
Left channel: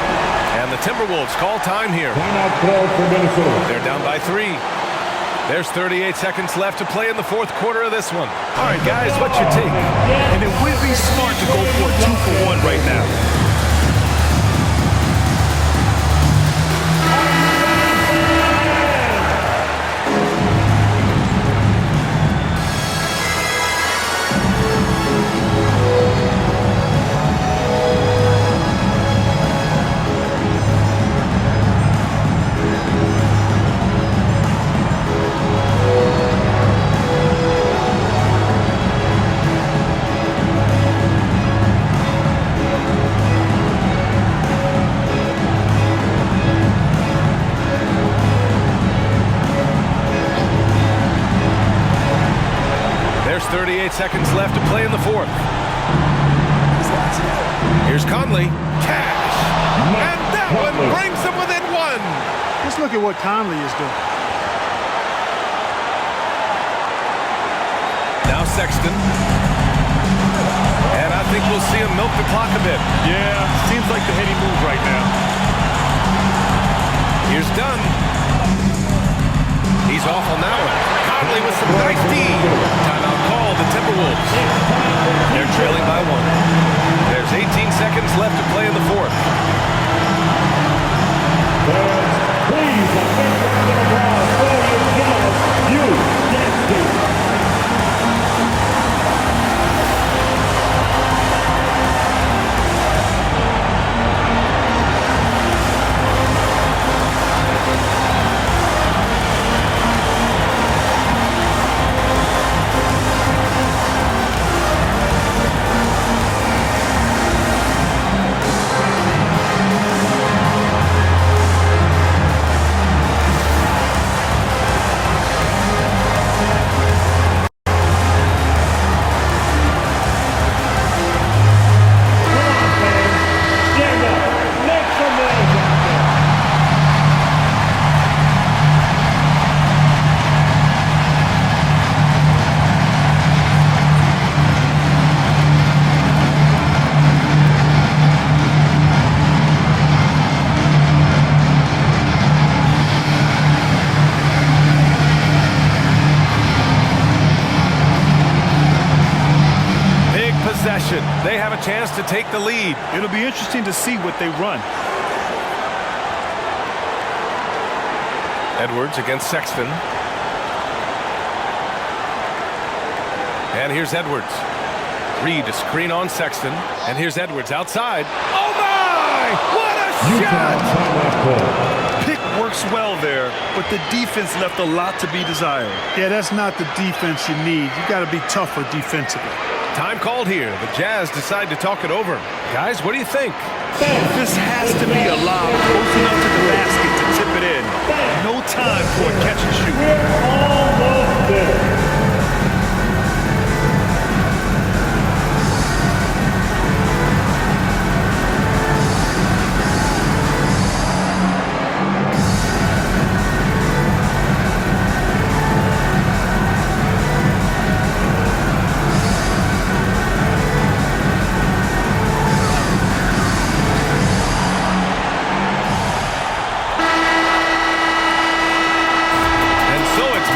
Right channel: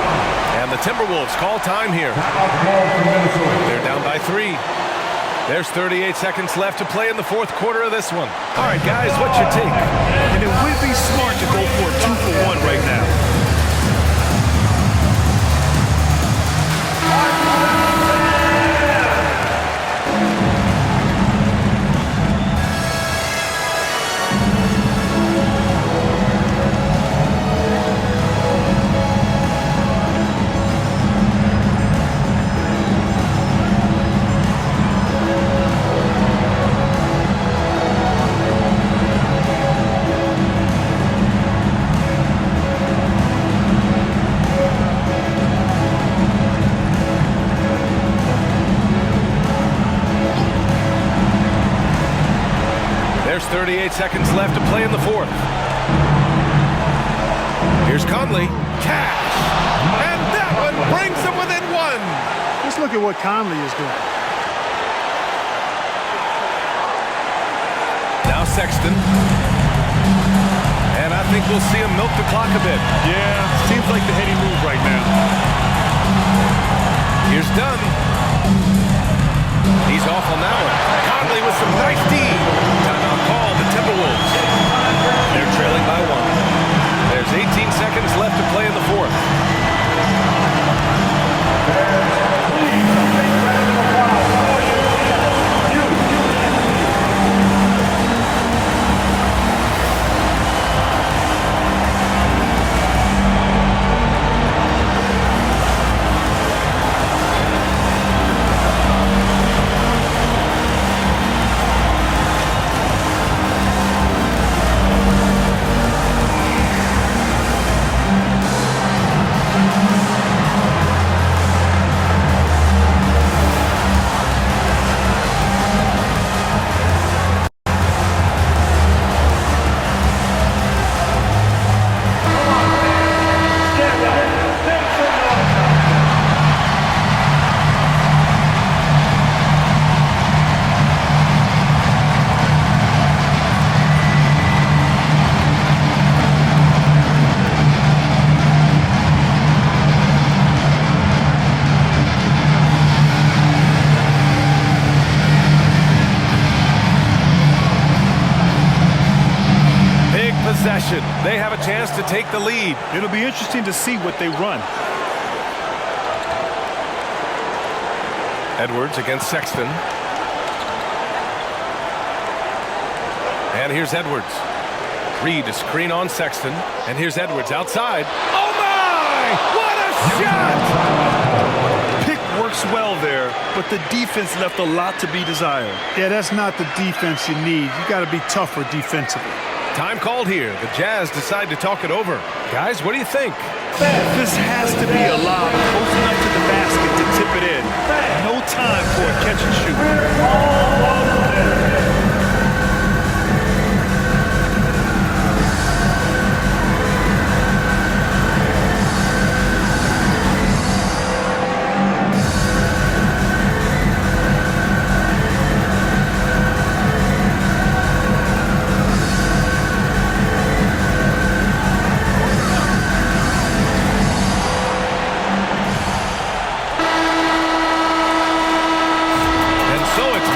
And the Timberwolves call time here. Timeout called for Minnesota. They're down by 3. There's 38 seconds left to play in the fourth quarter of this one. All right, guys, what's your take? And it would be smart to go for a 2-for-1 right now. There's 38 seconds left to play in the fourth. Here's Conley. Cash! And that one brings them within 1. Just look at what Conley is doing. Now Sexton. And I think we'll see him milk the clock a bit. Yeah, seems like the heady move right now. Here's Dunn. He's off on that one. Conley with some nice D. Timeout called the Timberwolves. They're trailing by 1. There's 18 seconds left to play in the fourth. Fans, please, a big round of applause for the UHD. Possession. They have a chance to take the lead. It'll be interesting to see what they run. Edwards against Sexton. And here's Edwards. Reed a screen on Sexton. And here's Edwards outside. Oh my! What a shot! Pick works well there, but the defense left a lot to be desired. Yeah, that's not the defense you need. You got to be tougher defensively. Time called here. The Jazz decide to talk it over. Guys, what do you think? This has to be a lob close enough to the basket to tip it in. No time for a catch and shoot. We're almost there.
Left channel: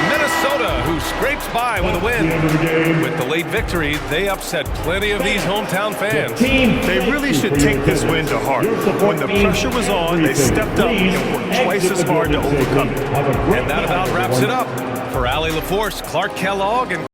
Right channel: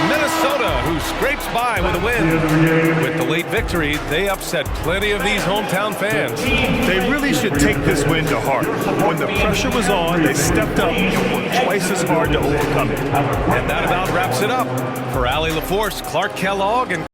Minnesota, who scrapes by with a win. With the late victory, they upset plenty of these hometown fans. They really should take this win to heart. When the pressure was on, they stepped up and worked twice as hard to overcome it. And that about wraps it up. For Allie LaForce, Clark Kellogg, and